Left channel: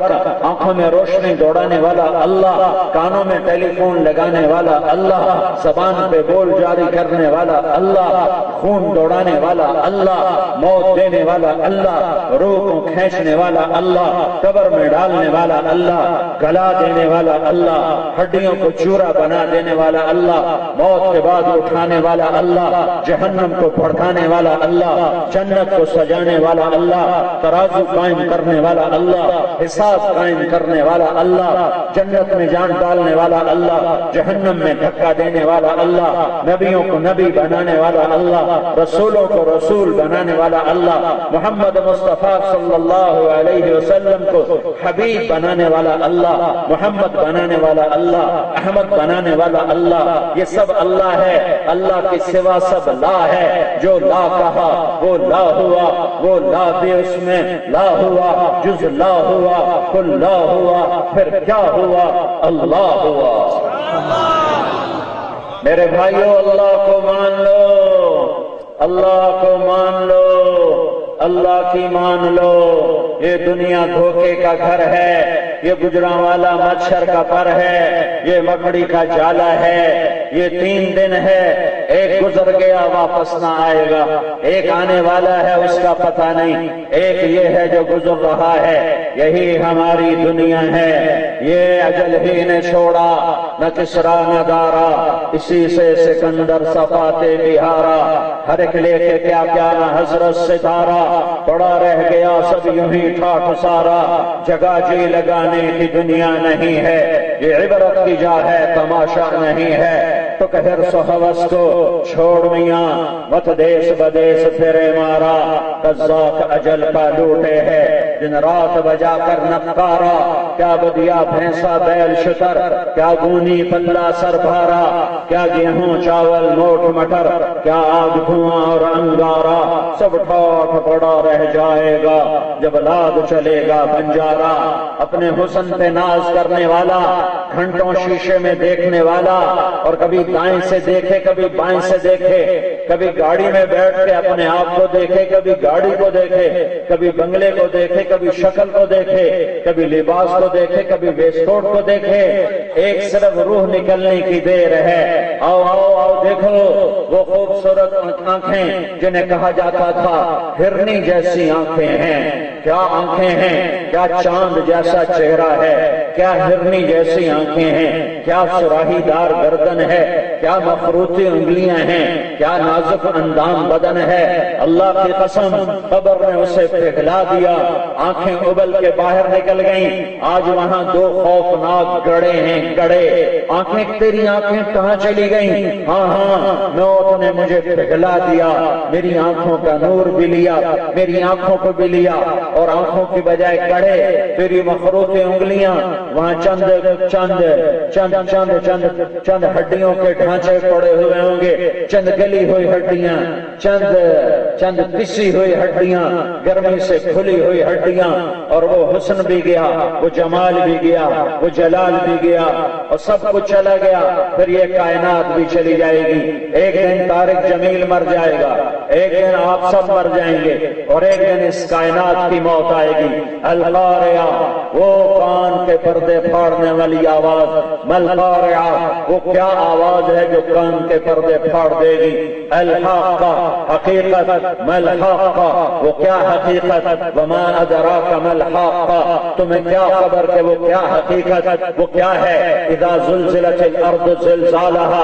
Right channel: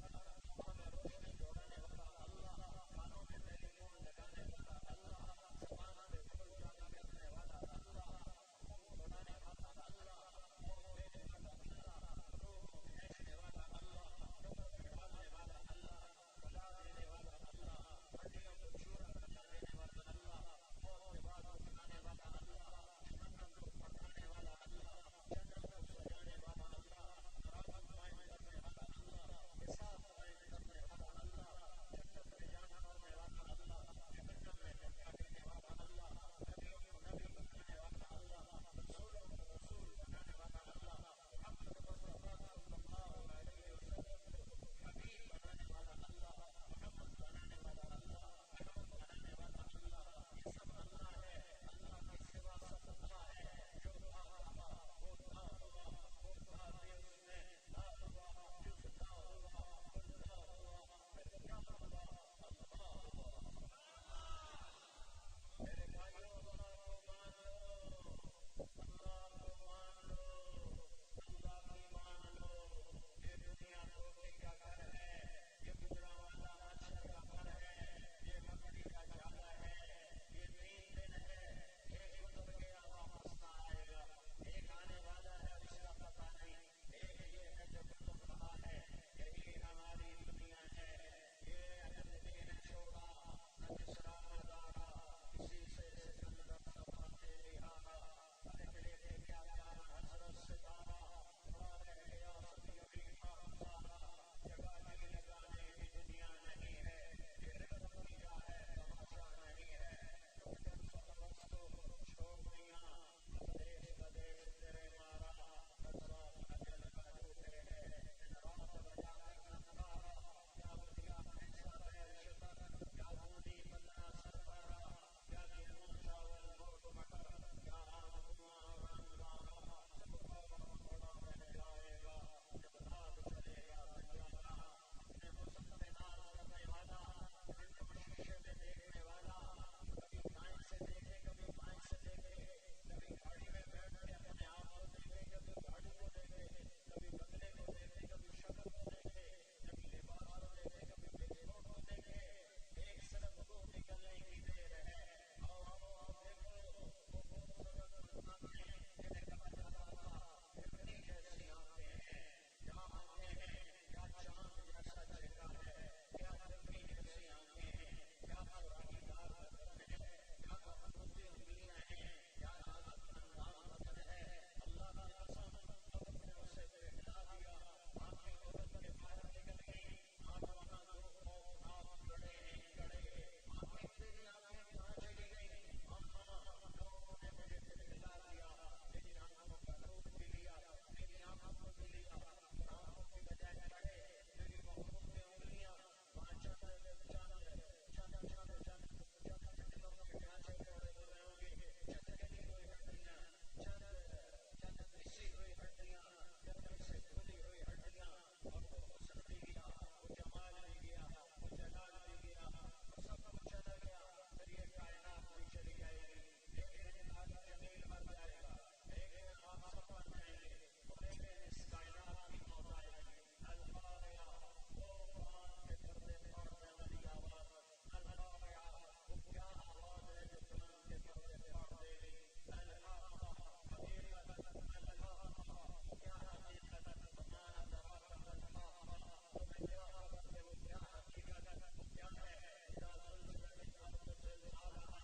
برق آنکھوں میں روشنی دوڑانے والا اللہ، کانوں میں ٹیلی فون لگانے والا اللہ، زبان پہ بول جاری کرنے والا اللہ، خون دوڑانے والا اللہ، موت دینے والا اللہ، روح کو کھینچنے والا اللہ، قبر میں ڈالنے والا اللہ، گلا دینے والا اللہ، ہڈیوں کو چورا بنا دینے والا اللہ، موت کے بعد اٹھانے والا اللہ، جہنم کو بھڑکانے والا اللہ، جنت کو سجانے والا اللہ، ترازو قائم کرنے والا اللہ، حساب قائم کرنے والا اللہ، جنت میں جان ڈالنے والا اللہ، جہنم میں دھکا دینے والا اللہ، نبیوں کو نبی بنانے والا اللہ، رسولوں کو رسول بنانے والا اللہ، محمد مصطفیٰ صلی اللہ علیہ وسلم کو حبیب بنانے والا اللہ، محمد بنانے والا اللہ، احمد بنانے والا اللہ، یہ سب اللہ ہے، اللہ کے سوا سب لا ہے، جو لا کہا وہ لا ہوا، وہ لا بھی اس میں لا ہوا، جز لا ہوا، کل لا ہوا، پھر کیا ہوا؟ اللہ ہوا۔ میرے بھائیوں، اللہ کو مان لو، اللہ کو مان لو، اللہ کی مان لو۔ یہ دنیا دھوکے کا گھر ہے، یہ گجراں والا مچھر کا پر ہے، یہ مکڑی کا جالا ہے، یہ 3 دن ہے، ایک گزر گیا واپس نہ آئے گا، ایک آنے والا ہے اس کا پتہ نہیں، ایک یہ ہے جو گزر رہا ہے۔ یہی ہماری دنیا ہے، یہ اجل ہی نے چھوڑا، نہ کسرا نہ دارا، اسی سے سکندر صفاتے بہارا، ہر ایک لے کے کیا کیا نہ حضرت ستارہ، پڑا رہ گیا سب یوں ہی ٹھاٹھ سارا، جگہ جی لگانے کی دنیا نہیں ہے، یہ عبرت کی جا ہے تماشا نہیں ہے۔ تو کہر سو حوث کو چھوڑ میاں، مت دیس بدیس پھرے مارا، قذاق اجل کا لوٹے ہے دن رات بجا کر نقارا، کیا بدیا بھینسا بیل شتر، کیا گونی پلہ سر بھارا، کیا گیہوں چاول موٹ مٹر، کیا آگ دھواں اور انگارا، سب ٹھاٹھ پڑا رہ جائے گا جب لاد چلے گا بنجارا۔ اپنے حسن پہ ناز کرنے والا، گھنٹوں شیشے میں دیکھنے والا، اور کبھی دائیں سے دیکھے کبھی بائیں سے دیکھے، کبھی گاڑی میں بیٹھ کے اپنے آپ کو دیکھے کبھی گاڑی کو دیکھے، کبھی بنگلے کو دیکھے کبھی شکل کو دیکھے، کبھی لباس کو دیکھے کبھی ویسٹ کو دیکھے، ایک صرف روح نکلنے کی دیر ہے۔ آؤ آؤ آؤ دیکھو وہ خوبصورت آنکھیں جنہیں کہا جاتا تھا ہرنی جیسی آنکھیں ہیں، کیا آنکھیں ہیں، کیا چاند جیسا چہرہ ہے، کیا ہرنی جیسی آنکھیں ہیں، کیا سراہی دار گردن ہے، کیا مخروطی انگلیاں ہیں، کیا نازک اندام بدن ہے۔ اللہ کی قسم قبر نے اسے پگھلا دیا، آنکھیں ابل کے باہر نکل گئیں۔ آج وہاں 2 خوفناک گڑے ہیں، گڑے۔ آنکھیں تیری آنکھیں کہاں چلی گئیں؟ ہاں ہاں، موت نے مجھے پگھلا دیا، میری آنکھوں کا نور بھی لیا، میری آنکھوں کو بھی لیا، اور آنکھوں کی بجائے گڑے تیری مخروطی انگلیاں، وہاں چند چند چند چند چند چند ہڈیوں کے ڈھانچے پڑے ہوئے ہوں گے، چند گلی ہوئی ہڈیاں، چند چند پسی ہوئی ہڈیاں، گرمی سے کھلی ہوئی ہڈیاں، اور وہ حسن بھی گیا، وہ جمال بھی گیا، وہ جلال بھی گیا، اور سب کچھ چلا گیا۔ پھر یہ کائنات بھی چلی جائے گی، ایک دن طارق جمیل مر جائے گا، ایک دن آپ سب مر جائیں گے، اور ایک دن اس کائنات کی موت آئے گی۔ القارعہ، وہ کان کے پردے پھاڑنے والی آواز، ملقارعہ، وہ کیا آواز ہے جو کان کے پردے پھاڑ دے گی۔ الحاقہ، حقیقت، ملحاقہ، وہ کیا حقیقت، وما ادراک ملحاقہ، تمہیں کیا خبر کہ وہ کیا حقیقت، وہ کیا ہے۔ اذا زلزلت الارض زلزالہا،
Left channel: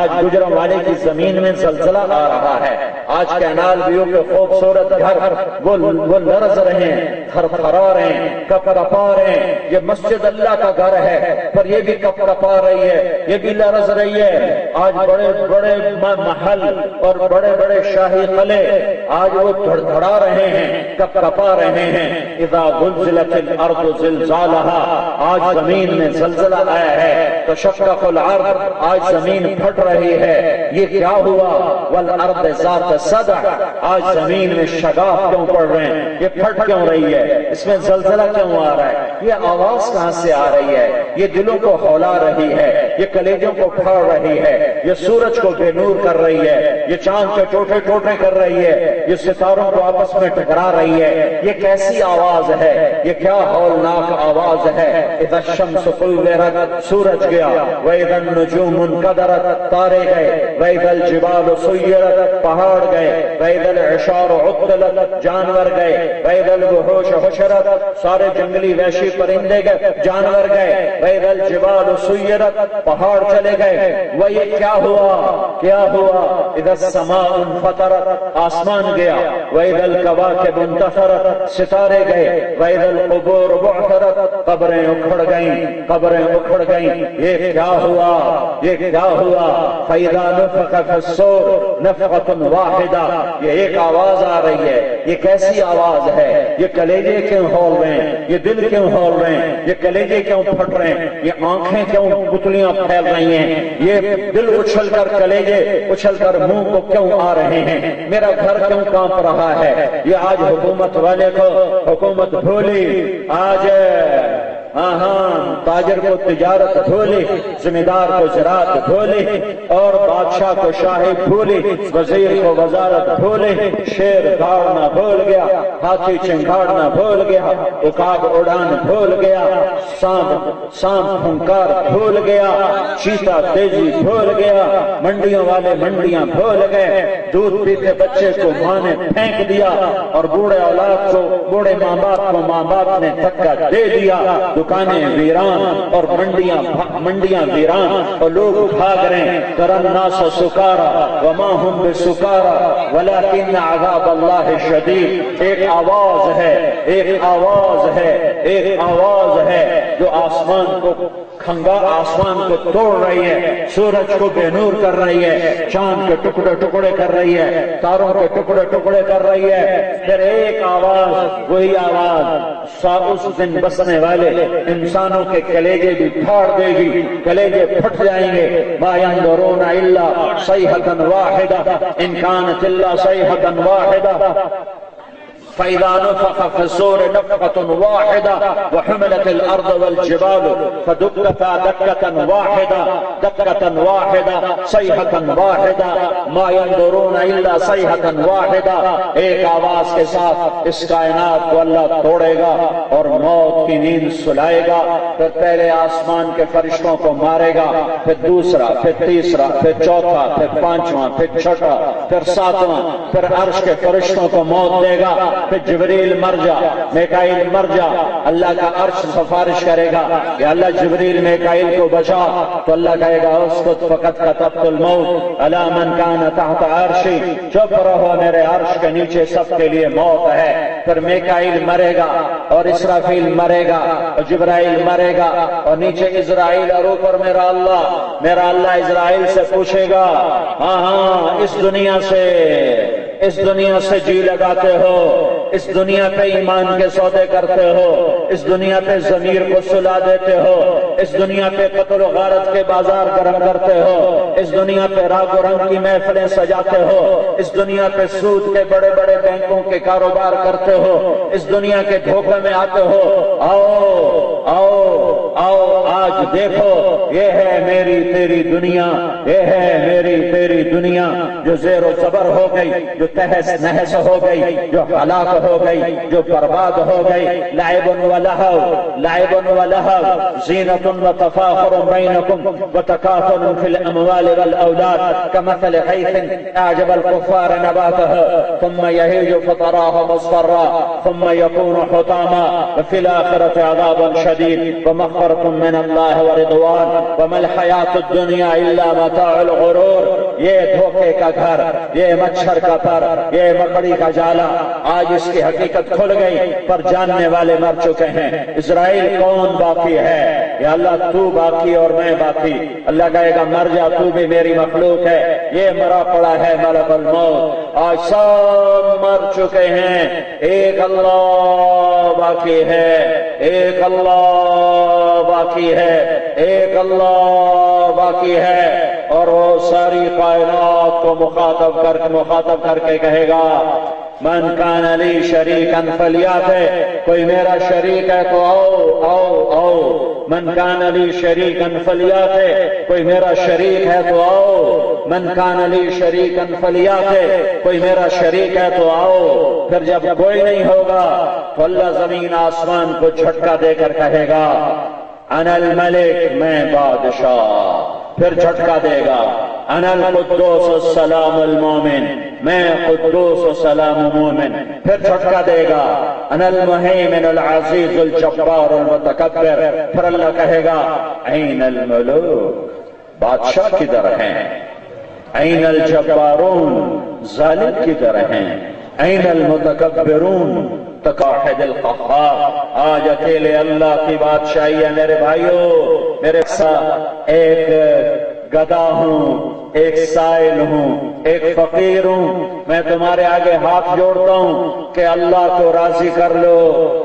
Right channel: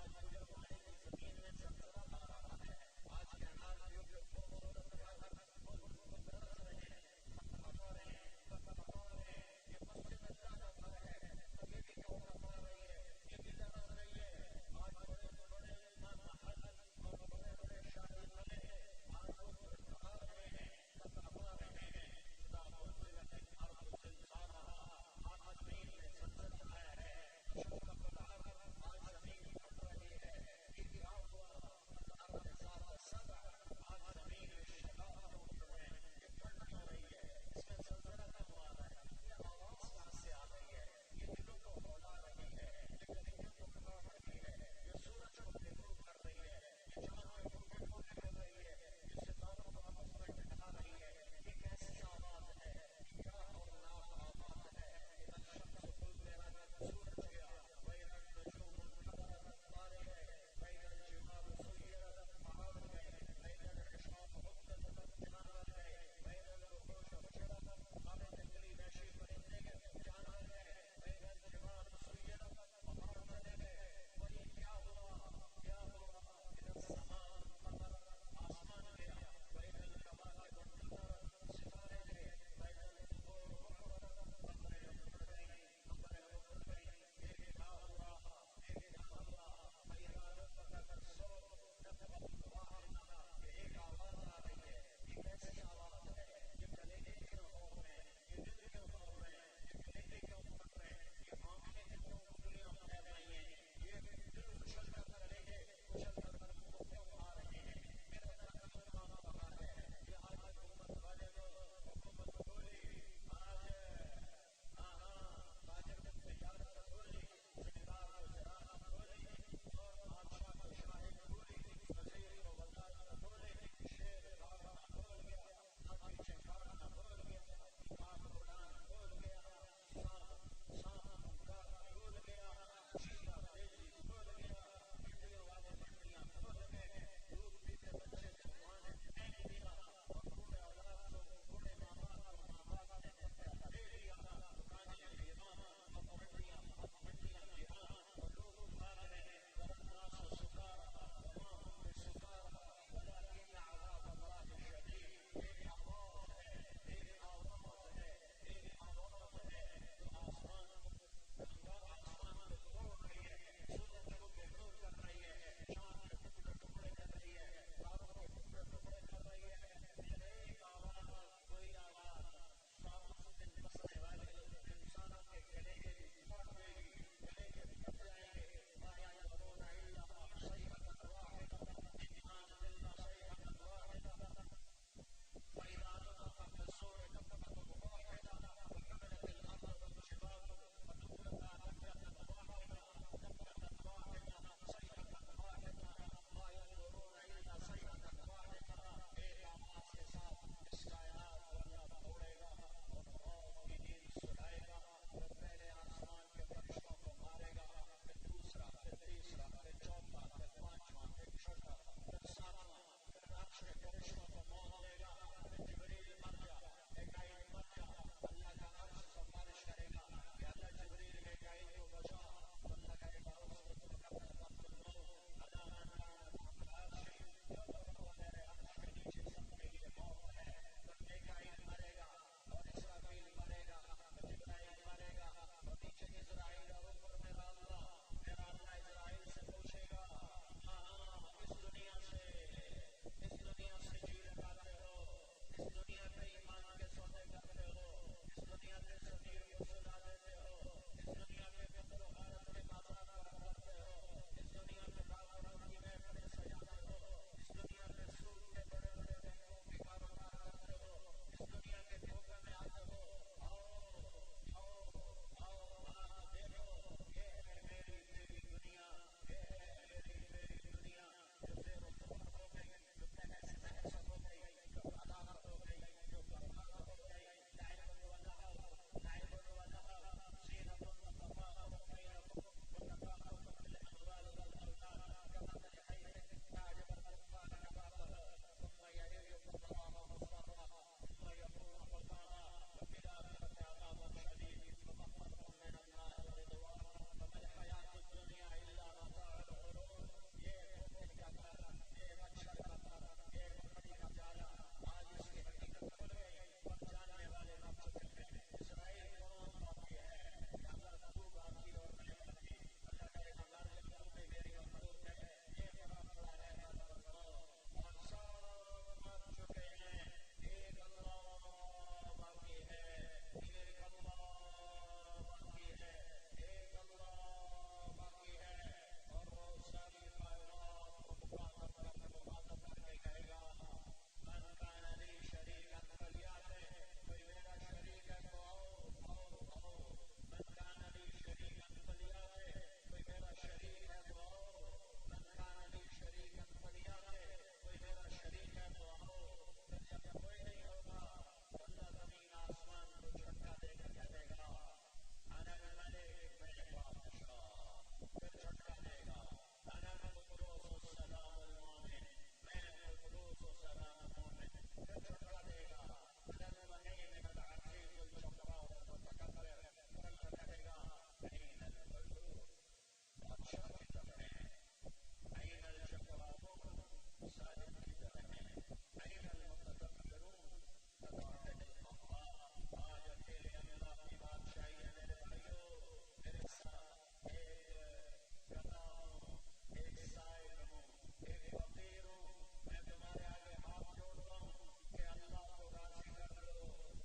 آج گجرانوالے کی زمین میں زلزلہ آ رہا ہے، آج کینال ویو کے خوبصورت گھر وہ لرز رہے ہیں، تھر تھرا رہے ہیں، کپ کپا رہے ہیں۔ یہ مسجد اللہ کا گھر ہے، پر یہ بھی کپ کپا رہی ہے، یہ بھی لرز رہی ہے۔ آج بڑے بڑے محل اور بڑے بڑے شاہی قلعے آج وہ دھڑ دھڑا رہے ہیں، کپ کپا رہے ہیں۔ اذا زلزلت الارض زلزالہا، آج زمین میں زلزلہ آیا ہے، تشقق الارض، آج زمین پھٹ رہی ہے۔ یہ کیا ہوا؟ والارض ذات صدع، آج زمین میں شگاف کیوں پڑ رہے ہیں، یہ پھٹ کیوں رہی ہے، اس میں زلزلہ کیوں آ رہا ہے، یہ آواز کہاں سے آ رہی ہے، یہ دلوں کو ہولا رہی ہے، یہ کلیجوں کو پھاڑ رہی ہے، یہ سورج کو بے نور کر رہی ہے، یہ چاند کے ٹوٹے ٹوٹے کر رہی ہے، یہ ستاروں کو آپس میں ٹکرا رہی ہے، یہ کیسی آواز ہے، یہ کیا ہولناک آواز ہے۔ اذا الشمس کورت، سورج گیا، واذا النجوم انکدرت، تارے گئے، واذا الجبال سیرت، پہاڑ گئے، واذا العشار عطلت، جانور گئے، واذا الوحوش حشرت، سارے جنگلی وحشی پرندے گئے، جانور گئے، واذا الجبال سیرت، پہاڑ چلے گئے۔ وہ یہ کیا ہوا، کیا ہوا؟ اذا السماء انفطرت، آسمان گیا، واذا الکواکب انتثرت، ستارے گئے، واذا القبور بعثرت، قبریں اکھڑ گئیں، قبریں اکھڑ گئیں۔ یہ کیا ہوا، یہ کیا ہوا؟ فاذا نفخ فی الصور نفخۃ واحدہ، یہ ایک آواز آ رہی ہے۔ یہ کیسی آواز ہے؟ یہ کلیجے کیوں ہول رہے ہیں، یہ دل کیوں ہول رہے ہیں، یہ کلیجے کیوں پھٹ رہے ہیں، یہ آنکھیں کیوں پتلیاں پھیل رہی ہیں، یہ دل اچھل کر کلیجے اچھل کر منہ کو کیوں آ رہے ہیں، میرا گھر کیوں کانپ رہا ہے؟ یہ آج حکومت والے کو حکومت بھولی، آج تاجر کو تجارت بھولی، ذمہ دار کو زراعت بھولی، اور بادشاہ کو شاہی بھولی، وزیر کو وزارت بھولی، شیر دھاڑنا بھول گیا، ہاتھی چنگاڑنا بھول گیا، عقاب اڑان بھول گیا، سانپ پھنکار بھول گیا، چیتا تیزی بھول گیا، منڈیوں والے منڈیاں بھول گئے، دودھ پیتے بچے کو ماں نے پھینک دیا، اور بوڑھے اولاد کو، بوڑھے ماں باپ کو ماں باپ نے دھکا دے دیا، دکانیں ویران اور منڈیاں ویران، اور لوگ بھاگ رہے ہیں۔ تری الناس سکارا وما هم بسکارا ولکن عذاب اللہ شدید۔ ایک آواز ہے، ایک آواز ہے، ایک آواز ہے جو آسمان کو آسمان کو توڑ رہی ہے، سورج کو بے نور کر رہی ہے، چاند کے ٹکڑے ٹکڑے کر رہی ہے، تاروں کے ٹکڑے ٹکڑے کر رہی ہے۔ پھر ایک آواز، وہی آواز اس دن بسنے والے انسانوں کے کلیجے بھی پھاڑ دے گی، کلیجے پھٹ جائیں گے۔ ما ينظرون الا صيحة واحدة ان كانت الا صيحة واحدة فإذا نفخ في الصور نفخة واحدة وحملت الأرض والجبال فدكتا دكة واحدة دكة واحدة صيحة واحدة ما ينظرون إلا صيحة واحدة۔ ایک آواز کے ساتھ اس کائنات کو اللہ توڑے گا اور موت کی نیند سلائے گا۔ پھر پہلے آسمان کے فرشتوں کو مارے گا، پھر دوسرا، پھر تیسرا، پھر چوتھا، پھر پانچواں، پھر چھٹا، پھر ساتواں، پھر عرش کے فرشتوں کو موت دے گا، پھر جبریل مر جا، میکائیل مر جا، اللہ کا عرش سفارش کرے گا کہ اللہ جبریل میکائیل کو بچا، تو اللہ کہے گا اسکت فقط کتبت الموت علی من کان تحت عرشی، چپ رہو میرے عرش کے نیچے سب کے لیے موت ہے۔ پھر میکائیل مرے گا اور اسرافیل مرے گا اور جبرائیل مرے گا اور نیچے اسرائیل اور اوپر میرا اللہ اسرائیل سے پوچھے گا، ہاں اس دنیا سے جی لگاتے ہو، اس دنیا پہ ایمان کے سودے کرتے ہو، اس دنیا پہ ضمیر کو سلا دیتے ہو، اس دنیا پہ قتل و غارت کے بازار گرم کرتے ہو، اس دنیا پہ راگ و رنگ کی محفلیں سجاتے ہو، اس دنیا پہ سود کے بڑے بڑے بینکوں کے کاروبار کرتے ہو، اس دنیا کے دھوکے میں آتے ہو۔ آؤ آؤ آؤ آج دیکھو، یہ ہے میری تیری دنیا، یہ ہے میری تیری دنیا جو زیر و زبر ہو گئی، جو تہس نہس ہو گئی، جو ہلاک ہو گئی، جو برباد ہو گئی۔ لعب و لہو زینت و تفاخر بینکم و تکاثر فی الاموال والاولاد کمثل غیث اعجب الکفار نباتہ ثم یہیج فتراہ مصفرا ثم یکون حطاما وفی الآخرة عذاب شدید ومغفرة من اللہ ورضوان وما الحیاة الدنیا الا متاع الغرور۔ یہ دھوکے کا گھر، یہ مچھر کا پر، یہ مکڑی کا جالا، آج اس کی حقیقت کھل گئی، پر جاننے والے مر چکے ہیں۔ اسرائیل کون باقی ہے؟ یا اللہ تو باقی اور میں باقی۔ اللہ کہے گا مر جا، تو بھی میری مخلوق ہے۔ یہ مرا پڑا ہے ملک الموت، آج سب مر چکے ہیں، ایک اللہ باقی ہے، ایک اللہ باقی ہے، ایک اللہ باقی ہے۔ اور وہ ساری کائنات کو مخاطب کر کے کہے گا من کان لی شریکا فلیاتہ، کوئی میرا شریک ہے تو آؤ آؤ آؤ۔ من کان لی شریکا فلیاتہ، کوئی میرا شریک ہے تو آؤ۔ من کان لی شریکن فلیاتے، کوئی میرا شریک ہے تو آؤ۔ پھر جب کوئی نہیں ہوگا تو اللہ زمین آسمان کو جھٹکا دے کر کہے گا انا الملک، میں بادشاہ۔ پھر جھٹکا دے گا انا القدوس السلام المومن، میں قدوس و سلام مومن۔ پھر جھٹکا دے گا انا المہیمن العزیز الجبار المتکبر۔ پھر اللہ کہے گا این الملوک، بادشاہ کدھر ہیں؟ این الجبارون، ظالم کدھر ہیں؟ این المتکبرون، تقاحد القہار۔ آج اکیلے اللہ کی بادشاہی ہے میرے بھائیوں۔ میرے ساتھ ایک گدھا ہوں، ایک سائل ہوں، ایک فقیر ہوں، میں تمہارے آگے ہاتھ جوڑتا ہوں کہ اللہ کو راضی کر لو،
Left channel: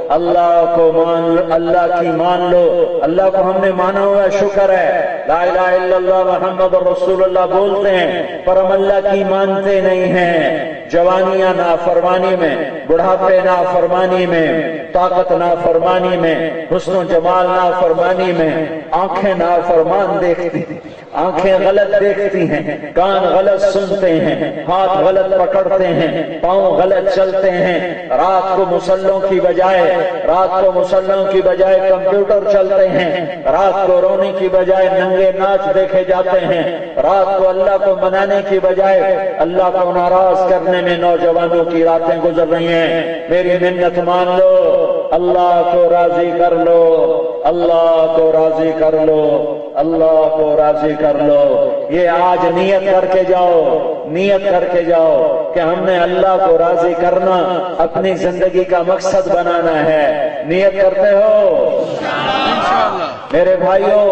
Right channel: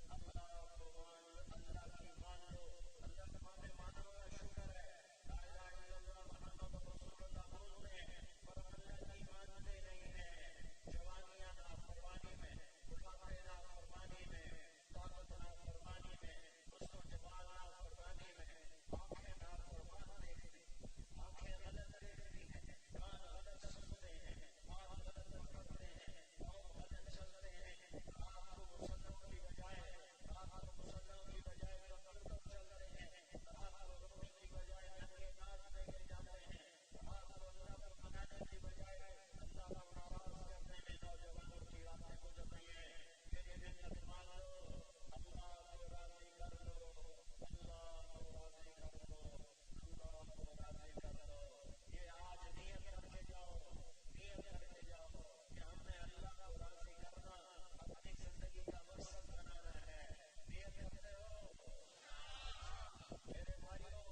اللہ کو مان لو، اللہ کی مان لو۔ اللہ کو ہم نے مانا ہوا، شکر ہے، لا الہ الا اللہ محمد رسول اللہ بولتے ہیں، پر ہم اللہ کی مانتے نہیں ہیں۔ جوانیاں نافرمانی میں، بڑھاپے نافرمانی میں، طاقت نافرمانی میں، حسن و جمال نافرمانی میں، آنکھیں نافرمان دیکھتی، آنکھیں غلط دیکھتی ہیں، کان غلط سنتے ہیں، ہاتھ غلط پکڑتے ہیں، پاؤں غلط چلتے ہیں، رات کو مسلوں کی بجائے کمپیوٹر چلتے ہیں، رات کو رونے کی بجائے ننگے ناچ دیکھے جاتے ہیں، رات کو اللہ کو منانے کی بجائے اللہ کو ناراض کرنے میں نوجوانوں کی راتیں گزر رہی ہیں۔ میری منت مان لو، اللہ کو راضی کر لو، اللہ کو راضی کر لو، اللہ کو راضی کر لو۔ یہ آج نیت کر کے جاؤ، نیت کر کے جاؤ کہ ہم نے اللہ کو راضی کرنا اپنی زندگی کا مقصد بنانا ہے۔ نیت کرتے ہو؟ میرے بھائیوں،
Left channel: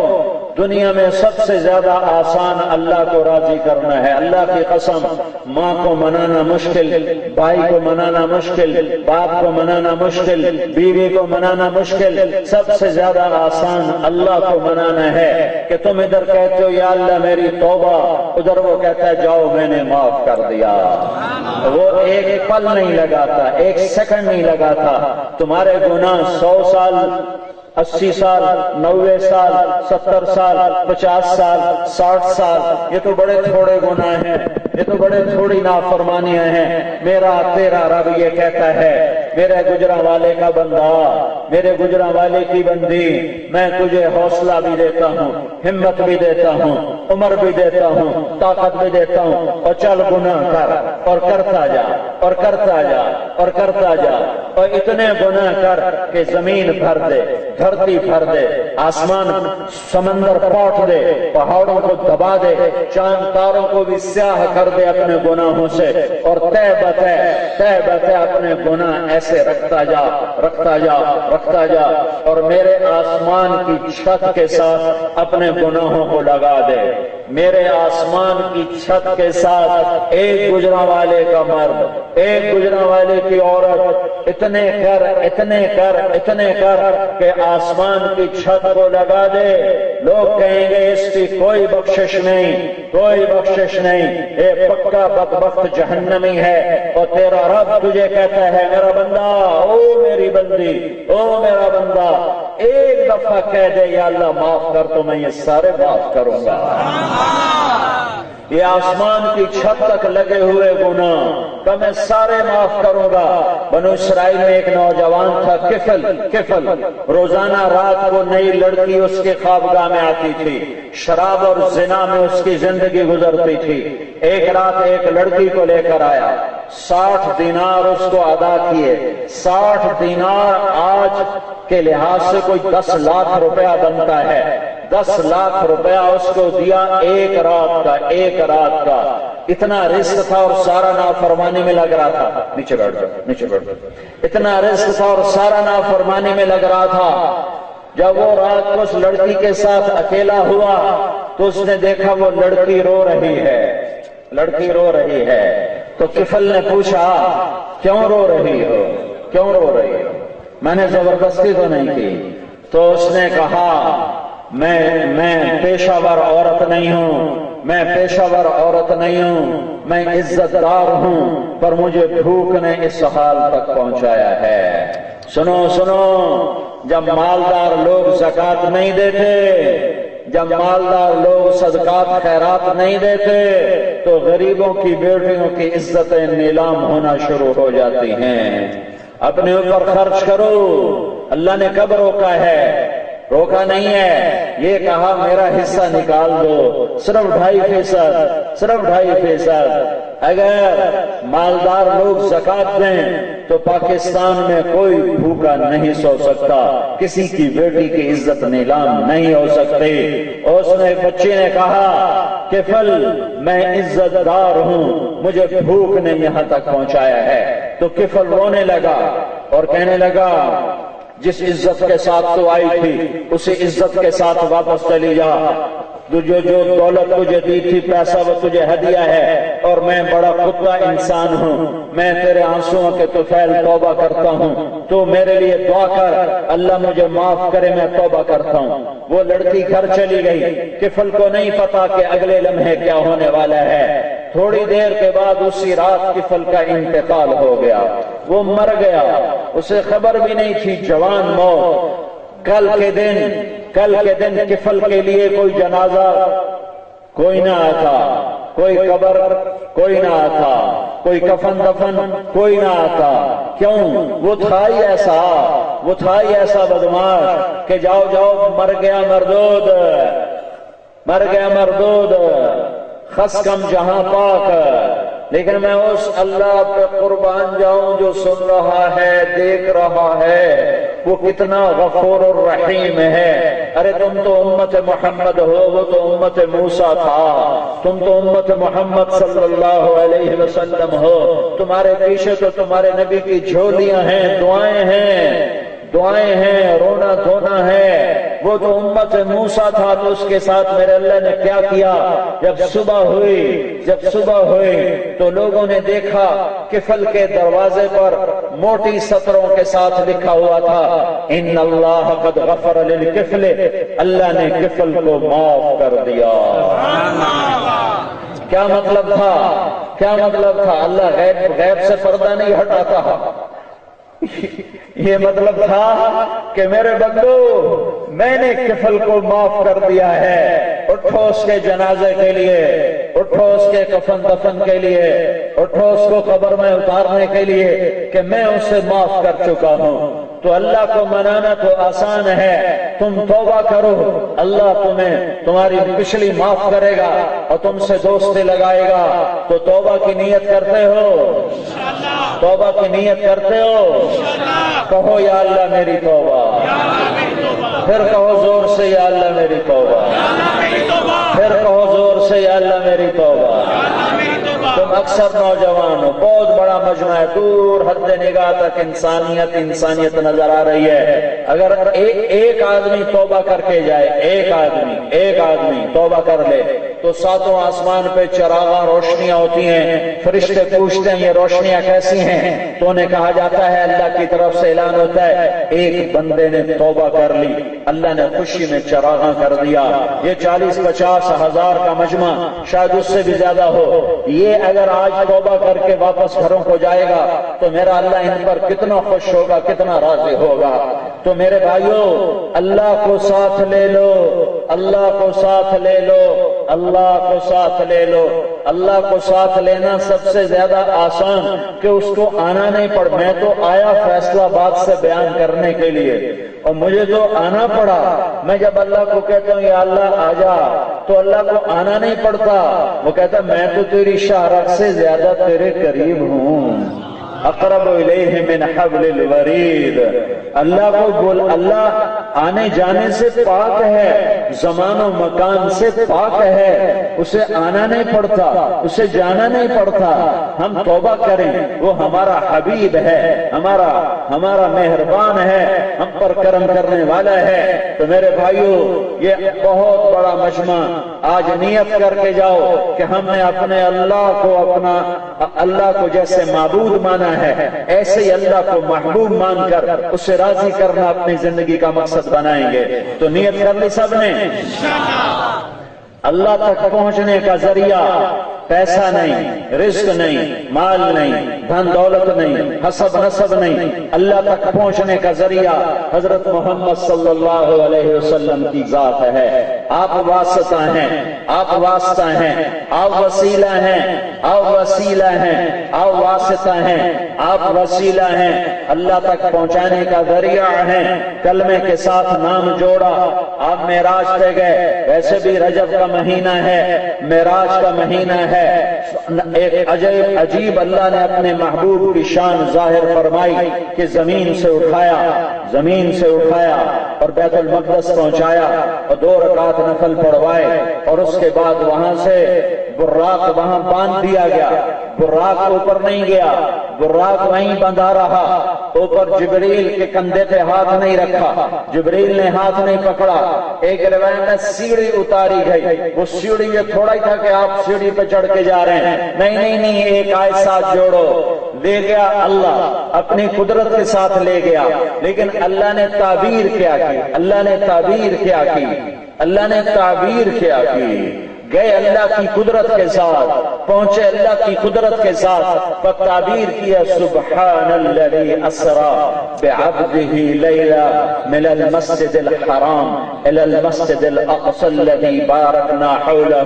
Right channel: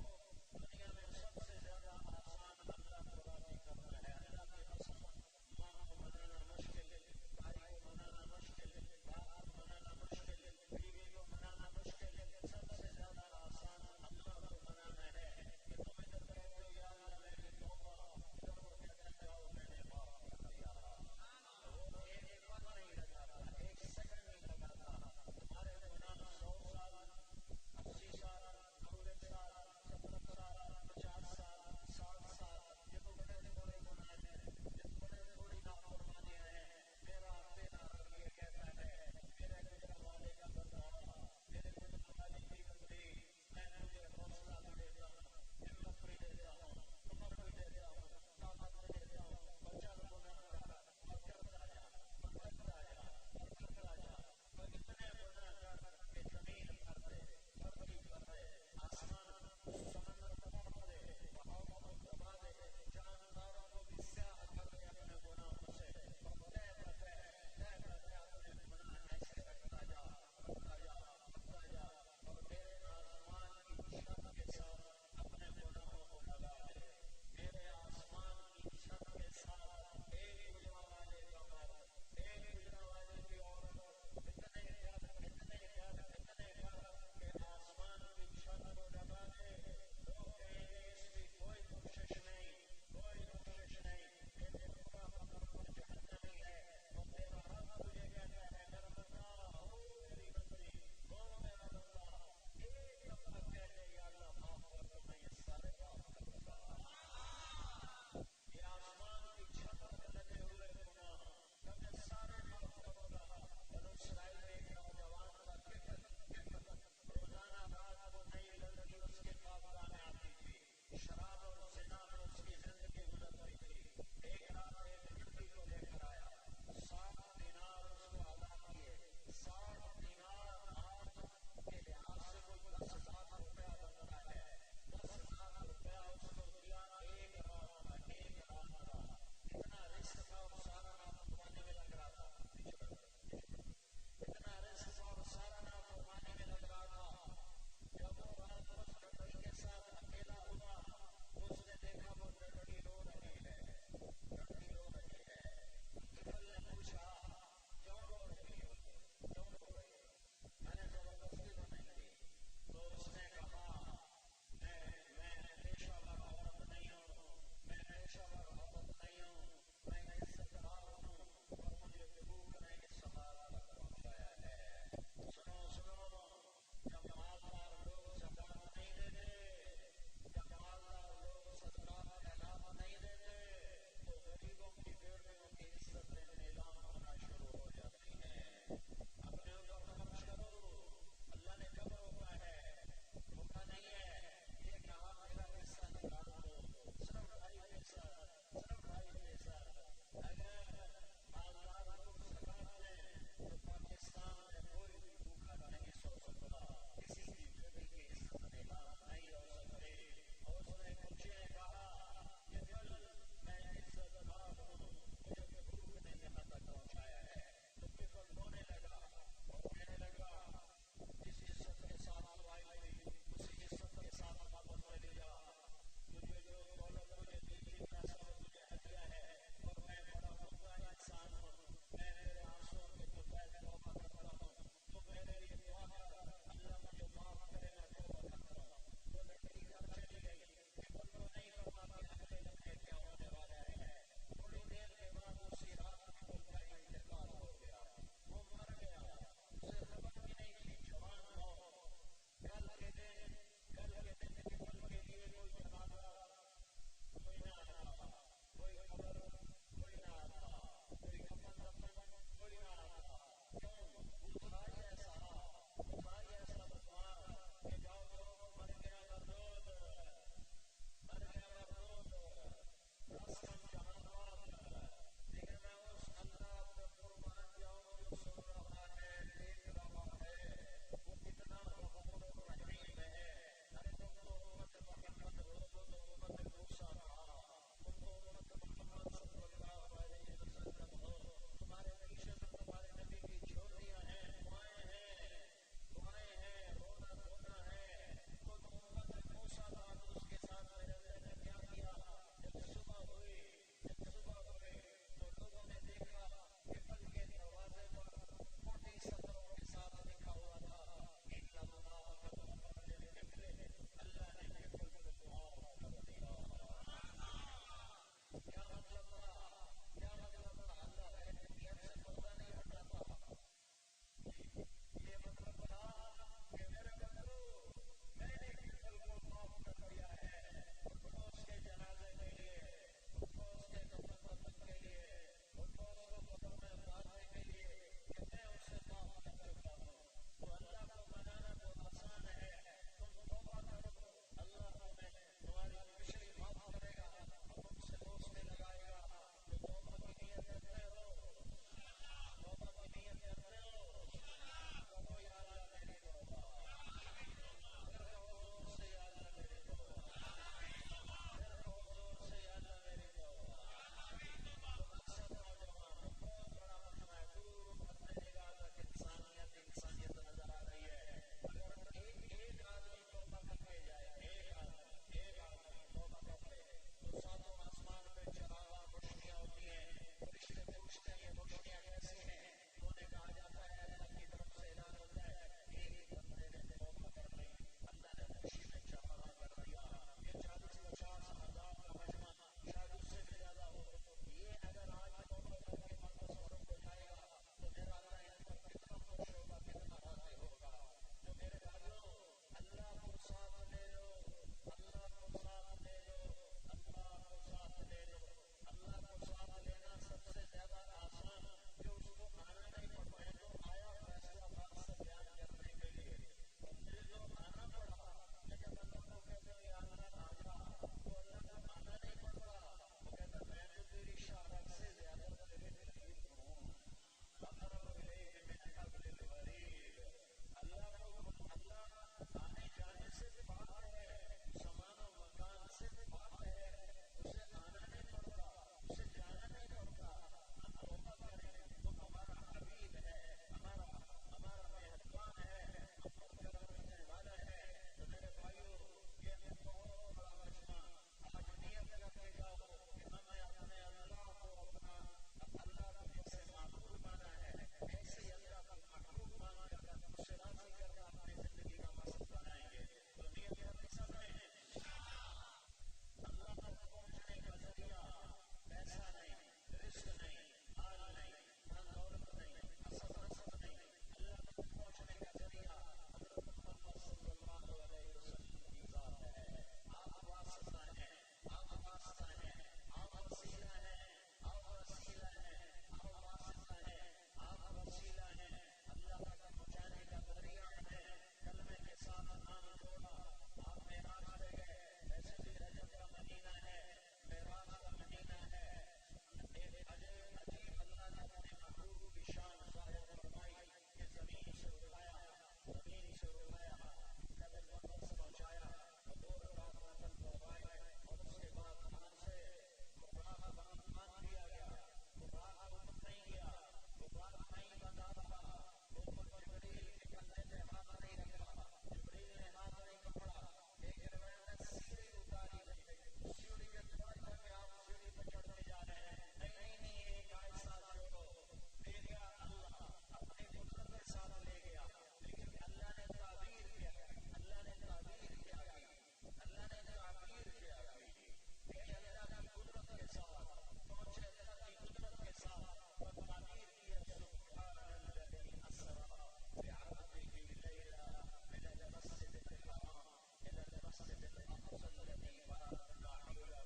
دنیا میں سب سے زیادہ آسان اللہ کو راضی کرنا ہے۔ اللہ کی قسم، ماں کو منانا مشکل، بھائی کو منانا مشکل، باپ کو منانا مشکل، بیوی کو منانا مشکل، سب سے زیادہ آسان اللہ کو منانا ہے کہ تم ادھر کہتے ہو یا اللہ میری توبہ، ادھر وہ کہتا ہے جاؤ میں نے معاف کر دیا۔ وہ ایک پل نہیں لگاتا، ایک سیکنڈ نہیں لگاتا۔ تمہارے گناہ 100 سال، 80 سال، 90 سال، 70 سال، 50 سال، 60 سال، یہ تو بڑے تھوڑے گناہ ہیں، یہ تو بڑے تھوڑی نافرمانیاں ہیں۔ میرا تیرا رب یہ کہتا ہے میرے گجرا والے کا بندہ، میرے گجرا والے کی بندی، میں تجھے حوصلہ بھی دیتا ہوں، ہمت بھی دیتا ہوں، عمر بھی دیتا ہوں، طاقت بھی دیتا ہوں، اور چل گناہ کر، اور کرتا جا، اور کرتا جا، اور کرتا جا، اور اتنے گناہ کر کہ زمین بھر دے، دھرتی بھر دے، آسمان سمندر پاٹ دے، پہاڑوں کو دبا دے، چاند تاروں کو بھی سیاہ کر دے اپنے گناہوں سے، اور تہ بتہ اپنے گناہ ایسے رکھتا جا، رکھتا جا، رکھتا جا، اور میرے آسمان کی چھت کے ساتھ اپنے گناہوں کو لگا دے۔ میرے آسمان کی چھت کے ساتھ ایک گجرا والے کا مرد، ایک گجرا والے کی عورت، اتنے کر، اتنے کر، اتنے کر کہ آسمان کی چھت کو لگا دے۔ لوگ کہیں گے اس کی کوئی بخشش نہیں، کوئی بخشش نہیں، یہ پکا بدبخت جہنمی ہے۔ اور تیرا رب تجھے کہتا ہے میرا بندہ، او میری بندی، او میرا بندہ، ایک دفعہ کہہ دے یا اللہ معاف کر تو میں یہ سارے معاف کروں گا۔ یہ آسمان کی چھت تک لگے ہوئے گناہ کہ میں سارے معاف کروں گا۔ بنو اسرائیل میں ایک نوجوان تھا، کفل، روزانہ رات کو نئی لڑکی اس کے خوابگاہ میں آتی تھی، شراب اور زنا میں اس کی زندگی گزرتی تھی۔ ایک رات ایک لڑکی کو لے کر آیا، 60 دینار اس کو ادا کیے۔ 60 دینار آج کے لحاظ سے کوئی 10 لاکھ روپیہ بنتا ہے۔ 10 لاکھ روپیہ اس کو دیا ایک رات کا۔ اتنا رزق تھا اور سارا نافرمانی میں لگ رہا تھا۔ نیچے بیٹھ جاؤ۔ اتنا رزق تھا اور سارا نافرمانی میں لگ رہا تھا۔ جب وہ رات کو اس لڑکی کے ساتھ اکیلا ہوا تو اس نے دیکھا وہ لڑکی رو رہی ہے، تو کفل نے پوچھا کیوں رو رہی ہو؟ میں نے زبردستی تو نہیں کی۔ تو اس نے کہا میں پیشہ ور عورت نہیں ہوں، میں عزت دار ہوں، پر مجھے بھوک نے اس حال تک پہنچایا ہے۔ سنو، جب مالدار لوگ زکوٰۃ نہیں دیتے، جب مالدار لوگ صدقات خیرات نہیں دیتے تو غریبوں کی بیٹیوں کی عزتیں نیلام ہونا شروع ہو جاتی ہیں۔ اپنے اوپر خرچ کرو، اللہ نے کب روکا ہے؟ روکا نہیں ہے، یہ کہا میرا حصہ نکال دو، صرف 2.5%، صرف 2.5%۔ اگر مالدار لوگ زکوٰۃ دیں تو پاکستان میں کوئی بھوکا نہیں سو سکتا، کسی کی بیٹی کی عزت نیلام نہیں ہو سکتی۔ اس نے بچے نے کہا کفل میں عزت دار ہوں، مجھے بھوک نے یہاں تک پہنچایا ہے۔ تو کفل رونے لگا اور کہنے لگا جس عزت کے ساتھ تو آئی تھی اسی عزت کے ساتھ واپس چلی جا، جو دولت تجھے دی تھی، پیسہ وہ تجھے ہدیہ ہے، اور میں بڑا کتا انسان ہوں، میں تیرے آنسوؤں کے طفیل توبہ کرتا ہوں، تو میرے لیے دعا کر اللہ مجھے معاف کرے، میں توبہ کرتا ہوں۔ وہ لڑکی گھر چلی گئی، کفل کو نہیں پتا کہ اگلے لمحے کیا ہونے والا ہے۔ تھوڑی دیر کے بعد اسی رات کفل کا انتقال ہو گیا، وہ مر گیا، اسے خبر بھی نہیں تھی، جوان موت۔ کل کے دن کفل کے لیے کوئی جنازہ کوئی نہ آتا، کوئی قبر کوئی نہ آتا، کوئی کفن دفن کوئی نہ آتا۔ کیوں؟ وہ تھا ہی ایسا بدماش کہ جاؤ مر گیا مردود، خس کم جہاں پاک۔ لیکن میں اس اللہ پہ قربان جاؤں جو سن رہا ہے، دیکھ رہا ہے، وہ کتنا غفور الرحیم ہے۔ ارے تم تو امت محمد ہو، وہ تو امت موسیٰ تھا، تم تو امت محمد صلی اللہ علیہ وسلم ہو، تمہارے پیچھے تو تمہارے نبی کی جھولیاں ہیں، دعائیں ہیں، رونا دھونا ہے۔ وہ تو امت موسیٰ تھا، تو اس کے ساتھ میرے اللہ نے کیا کیا؟ جب صبح ہوئی تو لوگوں نے دیکھا کفل کے دروازے پر موٹی سطروں کے ساتھ لکھا ہوا تھا ان اللہ قد غفر للکفل، اللہ نے کفل کو معاف کر دیا۔ کیا مطلب تھا؟ اللہ غیب سے پردہ نہیں ہٹاتا۔ یہ مطلب تھا کہ میرے بندو میں نے کفل کو معاف کر دیا ہے، اٹھو اس کے جنازے کے لیے، اٹھو اس کے کفن دفن کے لیے، اٹھو اس کو قبر میں اتارنے کے لیے کہ میں اسے معاف کر چکا ہوں۔ تو اللہ کو منانا تو آسان ہے، تم توبہ کرو، اللہ تمہاری پچھلی معاف کرے گا اور تم سے دوستی لگائے گا۔ تو توبہ کی نیت کرتے ہو؟ توبہ کی نیت کرتے ہو؟ کہو یا اللہ میری توبہ، پھر کہو زور سے یا اللہ میری توبہ، پھر کہو زور سے یا اللہ میری توبہ۔ تم اکثر نوجوان ہو، بہت بڑا مجمع ہے، دور حد نگاہ تک انسانیت نظر آ رہی ہے۔ اگر ایک آدمی توبہ کر کے جائے، ایک آدمی توبہ کر لے تو ساتوں آسمان پہ چراغاں روشنیاں ہوتی ہیں، فرشتے پوچھتے ہیں یہ روشنیاں کیسی ہیں؟ تو انہیں کہا جاتا ہے اللہ کی طرف سے اعلان ہوتا ہے ایک بندے نے توبہ کر لی، اللہ نے خوشی میں چراغاں کر دیا۔ یہ 40-50 ہزار کا مجمع، شاید اس سے بھی زیادہ ہو، یہ اگر آج توبہ کر کے واپس گھروں کو جائے گا تو میرا اللہ ان پر کتنا خوش ہوگا، کتنا راضی ہوگا۔ تو میرے بھائیوں، اللہ کو ساتھ لے لو، اللہ کو ساتھ لے لو، اللہ کو ساتھ لے لو۔ اللہ کو ساتھ لینا سب سے زیادہ آسان کہ اس کو آنا نہیں پڑ۔ میں تو آیا فیصلہ آباد سے بیان کرنے کے لیے اور مجھے تو آنا پڑا۔ میں جب اللہ کو کہتا ہوں یا اللہ آ جا تو اللہ کو آنا نہیں پڑتا، وہ کہتا میں تو تیری شاہراہ سے زیادہ تیرے قریب ہوں، اقرب الیہ من حبل الورید۔ اللہ آنے جانے سے پاک ہے، زمان و مکان سے پاک ہے، اسے آنا نہیں پڑتا، اسے جانا نہیں پڑتا۔ ہم توبہ کریں، وہ ہمارا حبیب ہے، ہمارا مہربان ہے، ہم پر کرم کرنے والا ہے۔ تو میرے بھائیوں، یہ بہت بڑا مجمع، آج نیت کر کے جاؤ کہ ہم نے اپنے اللہ کو جیسے معبود مانا ہے، ایسے ہی اللہ کو محبوب مان کر اسے راضی کرنا اپنی زندگی کا مقصد بنائیں گے۔ تو نیت کر لی سب نے؟ اللہ تک پہنچنے کا ذریعہ پیسہ نہیں، رزق نہیں، مال نہیں، دھن دولت نہیں، حسب نسب نہیں، اللہ تک پہنچنے کا ذریعہ حضرت محمد صلی اللہ علیہ وسلم کی ذات ہے۔ آپ واسطہ ہیں، آپ واسطہ ہیں، آپ وسیلہ ہیں، آپ وسیلہ ہیں، آپ واسطہ ہیں، آپ وسیلہ ہیں، اللہ تک پہنچانے کا ذریعہ ہیں۔ کلمے کے ساتھ نام جوڑا، آپ معراج پہ گئے، ویسے بھی رجب کا مہینہ ہے، معراج کا مہینہ ہے۔ ایک عجیب اللہ نے اپنے محبوب کی شان ظاہر فرمائی کہ زمین سے اٹھایا اور بیت المقدس پہنچایا اور 2 رکعت نفل پڑھوائے، اور اس کے بعد وہاں سے براق وہاں باندھ دیا گیا۔ براق اوپر نہیں گیا، براق وہیں بندھا رہا۔ اوپر جبریل کے کندھے پہ ہاتھ نہیں رکھا، جبریل نے ہاتھ نہیں پکڑا۔ ایک روایت میں سیڑھی اتاری گئی، وہ سیڑھی یہ تھوڑا ہی تھا کہ آپ سیڑھی پہ چڑھ کے جا رہے ہیں، نہیں، ایک آیت ساتھ جوڑو۔ لے گیا اللہ، اپنی قدرت کے ساتھ لے گیا، لیکن اللہ نے تعبیر کیا کی، اللہ نے تعبیر کیا کی، اللہ نے تعبیر کیا کی۔ گئے اللہ کی قدرت کے ساتھ، پہنچے اللہ کی قدرت کے ساتھ، پر تعبیر کیا سبحان الذی اسری بعبدہ لیلا من المسجد الحرام الى المسجد الاقصى الذی بارکنا حولہ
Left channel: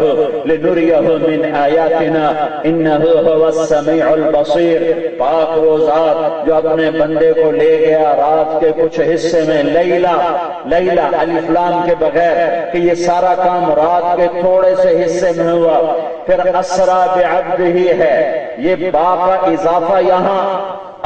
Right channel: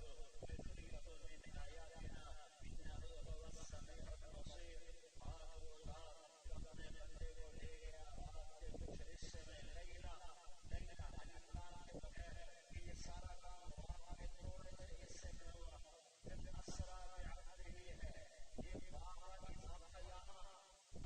لنریہ من آیاتنا انہ هو السمیع البصیر۔ پاک وہ ذات جو اپنے بندے کو لے گیا رات کے کچھ حصے میں، لیلا الف لام کے بغیر، کہ یہ سارا کام رات کے تھوڑے سے حصے میں ہوا۔ پھر اسرا بعبدہ ہے، یہ با کا اضافہ یہاں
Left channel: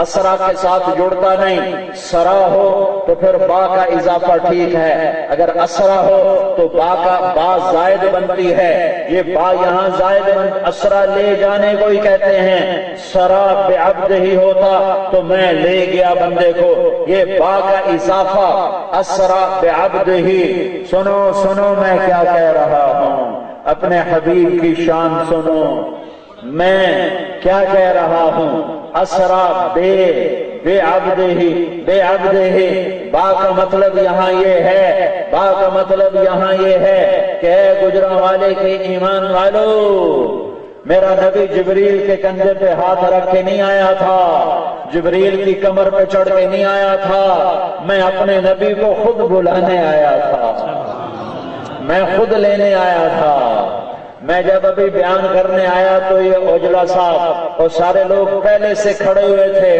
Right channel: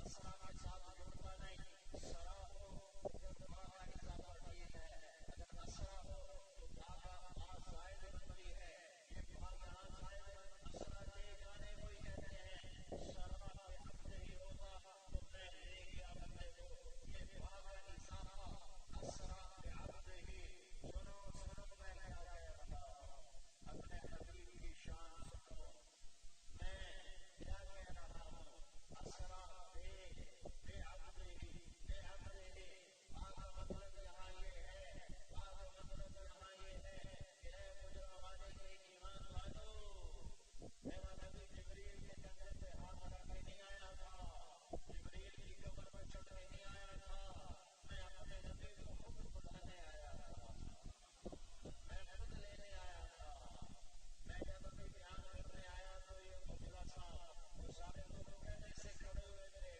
اسرا کے ساتھ جڑتا نہیں، سرا ہو تو پھر با کا اضافہ ٹھیک ہے، اگر اسرا ہو تو با زائد بنتی ہے، یہ با یہاں زائد اسرا لے جانے کو ہی کہتے ہیں۔ سرا بعبدہ ہی ہوتا تو میں لے گیا بندے کو، یہ با کا اضافہ اسرا بعبدہ ہی۔ سنو میں کیا کہہ رہا ہوں، اپنے حبیب کی شان سنو، میں کیا کہہ رہا ہوں۔ اسرا بے عبدہ ہی، با کا مطلب یہاں یہ ہے، با کا مطلب یہاں یہ ہے کہ اے گجرانوالے کے ایمان والو، میرا نبی جبریل کے کندھے پہ ہاتھ رکھ کے نہیں آیا تھا، جبریل کی کمر پہ چڑھ کے نہیں آیا تھا، میں اپنے نبی کو خود بلانے آیا تھا، میں خود لینے آیا تھا۔ میں جب ابھی بیان کرنے آیا تو یہ اوجلا صاحب اور سارے لوگ پہلے سے کھڑے ہوئے تھے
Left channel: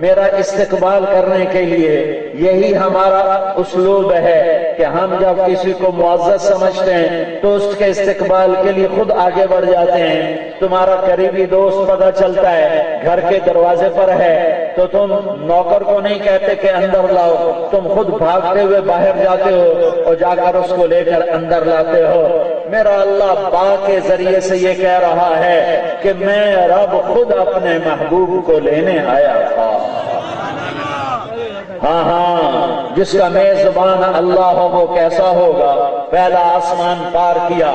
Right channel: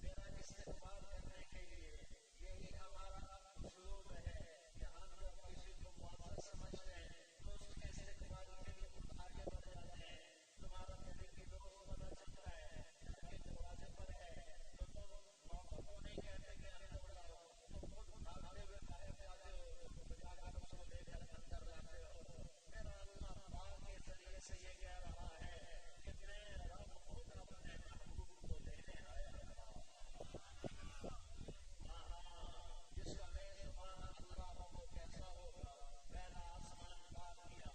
میرا استقبال کرنے کے لیے۔ یہی ہمارا اسلوب ہے کہ ہم جب کسی کو معزز سمجھتے ہیں تو اس کے استقبال کے لیے خود آگے بڑھ جاتے ہیں۔ تمہارا قریبی دوست پتہ چلتا ہے گھر کے دروازے پر ہے تو تم نوکر کو نہیں کہتے کہ اندر لاؤ، تم خود بھاگتے ہوئے باہر جاتے ہو اور جا کر اس کو لے کر اندر لاتے ہو۔ میرا اللہ با کے ذریعے سے یہ کہہ رہا ہے کہ میں رب خود اپنے محبوب کو لینے آیا تھا۔ ہاں، جس کا میزبان اللہ ہو وہ کیسا ہوگا؟ پہلا آسمان پار کیا،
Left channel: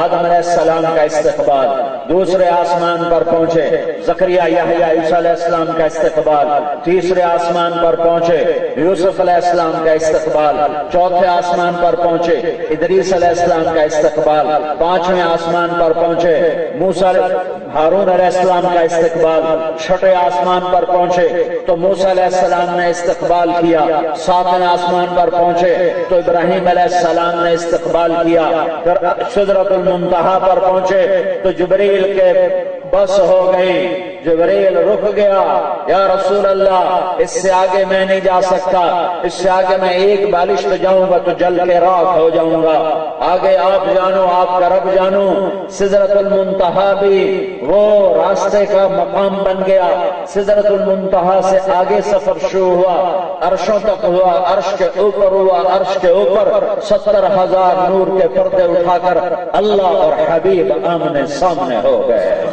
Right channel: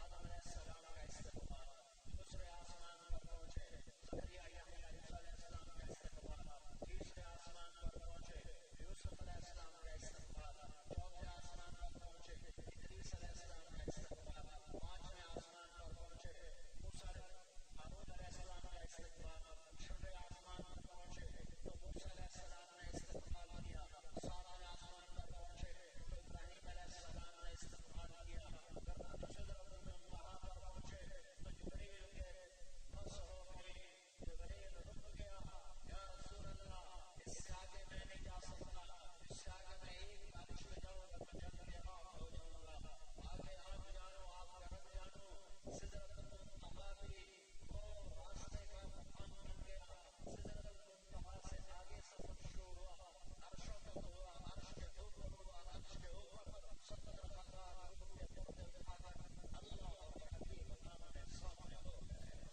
آدم علیہ السلام کا استقبال، دوسرے آسمان پر پہنچے زکریا یحییٰ عیسیٰ علیہ السلام کا استقبال، تیسرے آسمان پر پہنچے یوسف علیہ السلام کا استقبال، چوتھے آسمان پر پہنچے ادریس علیہ السلام کا استقبال، پانچویں آسمان پر پہنچے موسیٰ ہارون علیہ السلام کا استقبال، چھٹے آسمان پر پہنچے تو موسیٰ علیہ السلام نے استقبال کیا، ساتویں آسمان پر پہنچے تو ابراہیم علیہ السلام نے استقبال کیا، پھر سدرۃ المنتہا پر پہنچے تو جبریل کے بس ہو گئی، جبریل رک گیا، یا رسول اللہ اس سے آگے میں نہیں جا سکتا، اس سے آگے میں ایک بالش پہ جاؤں گا تو جل کے راکھ ہو جاؤں گا، آگے آپ جانو، آپ کا رب جانو۔ سدرۃ المنتہا بھی وہ راستے کا مقام بن گیا، سدرۃ المنتہا سے آگے سفر شروع ہوا، عرشوں تک ہوا، عرش کے اوپر ہوا، عرش کے اوپر 70,000 نور کے پردے اٹھا کر اللہ اور حبیب آمنے سامنے ہو گئے۔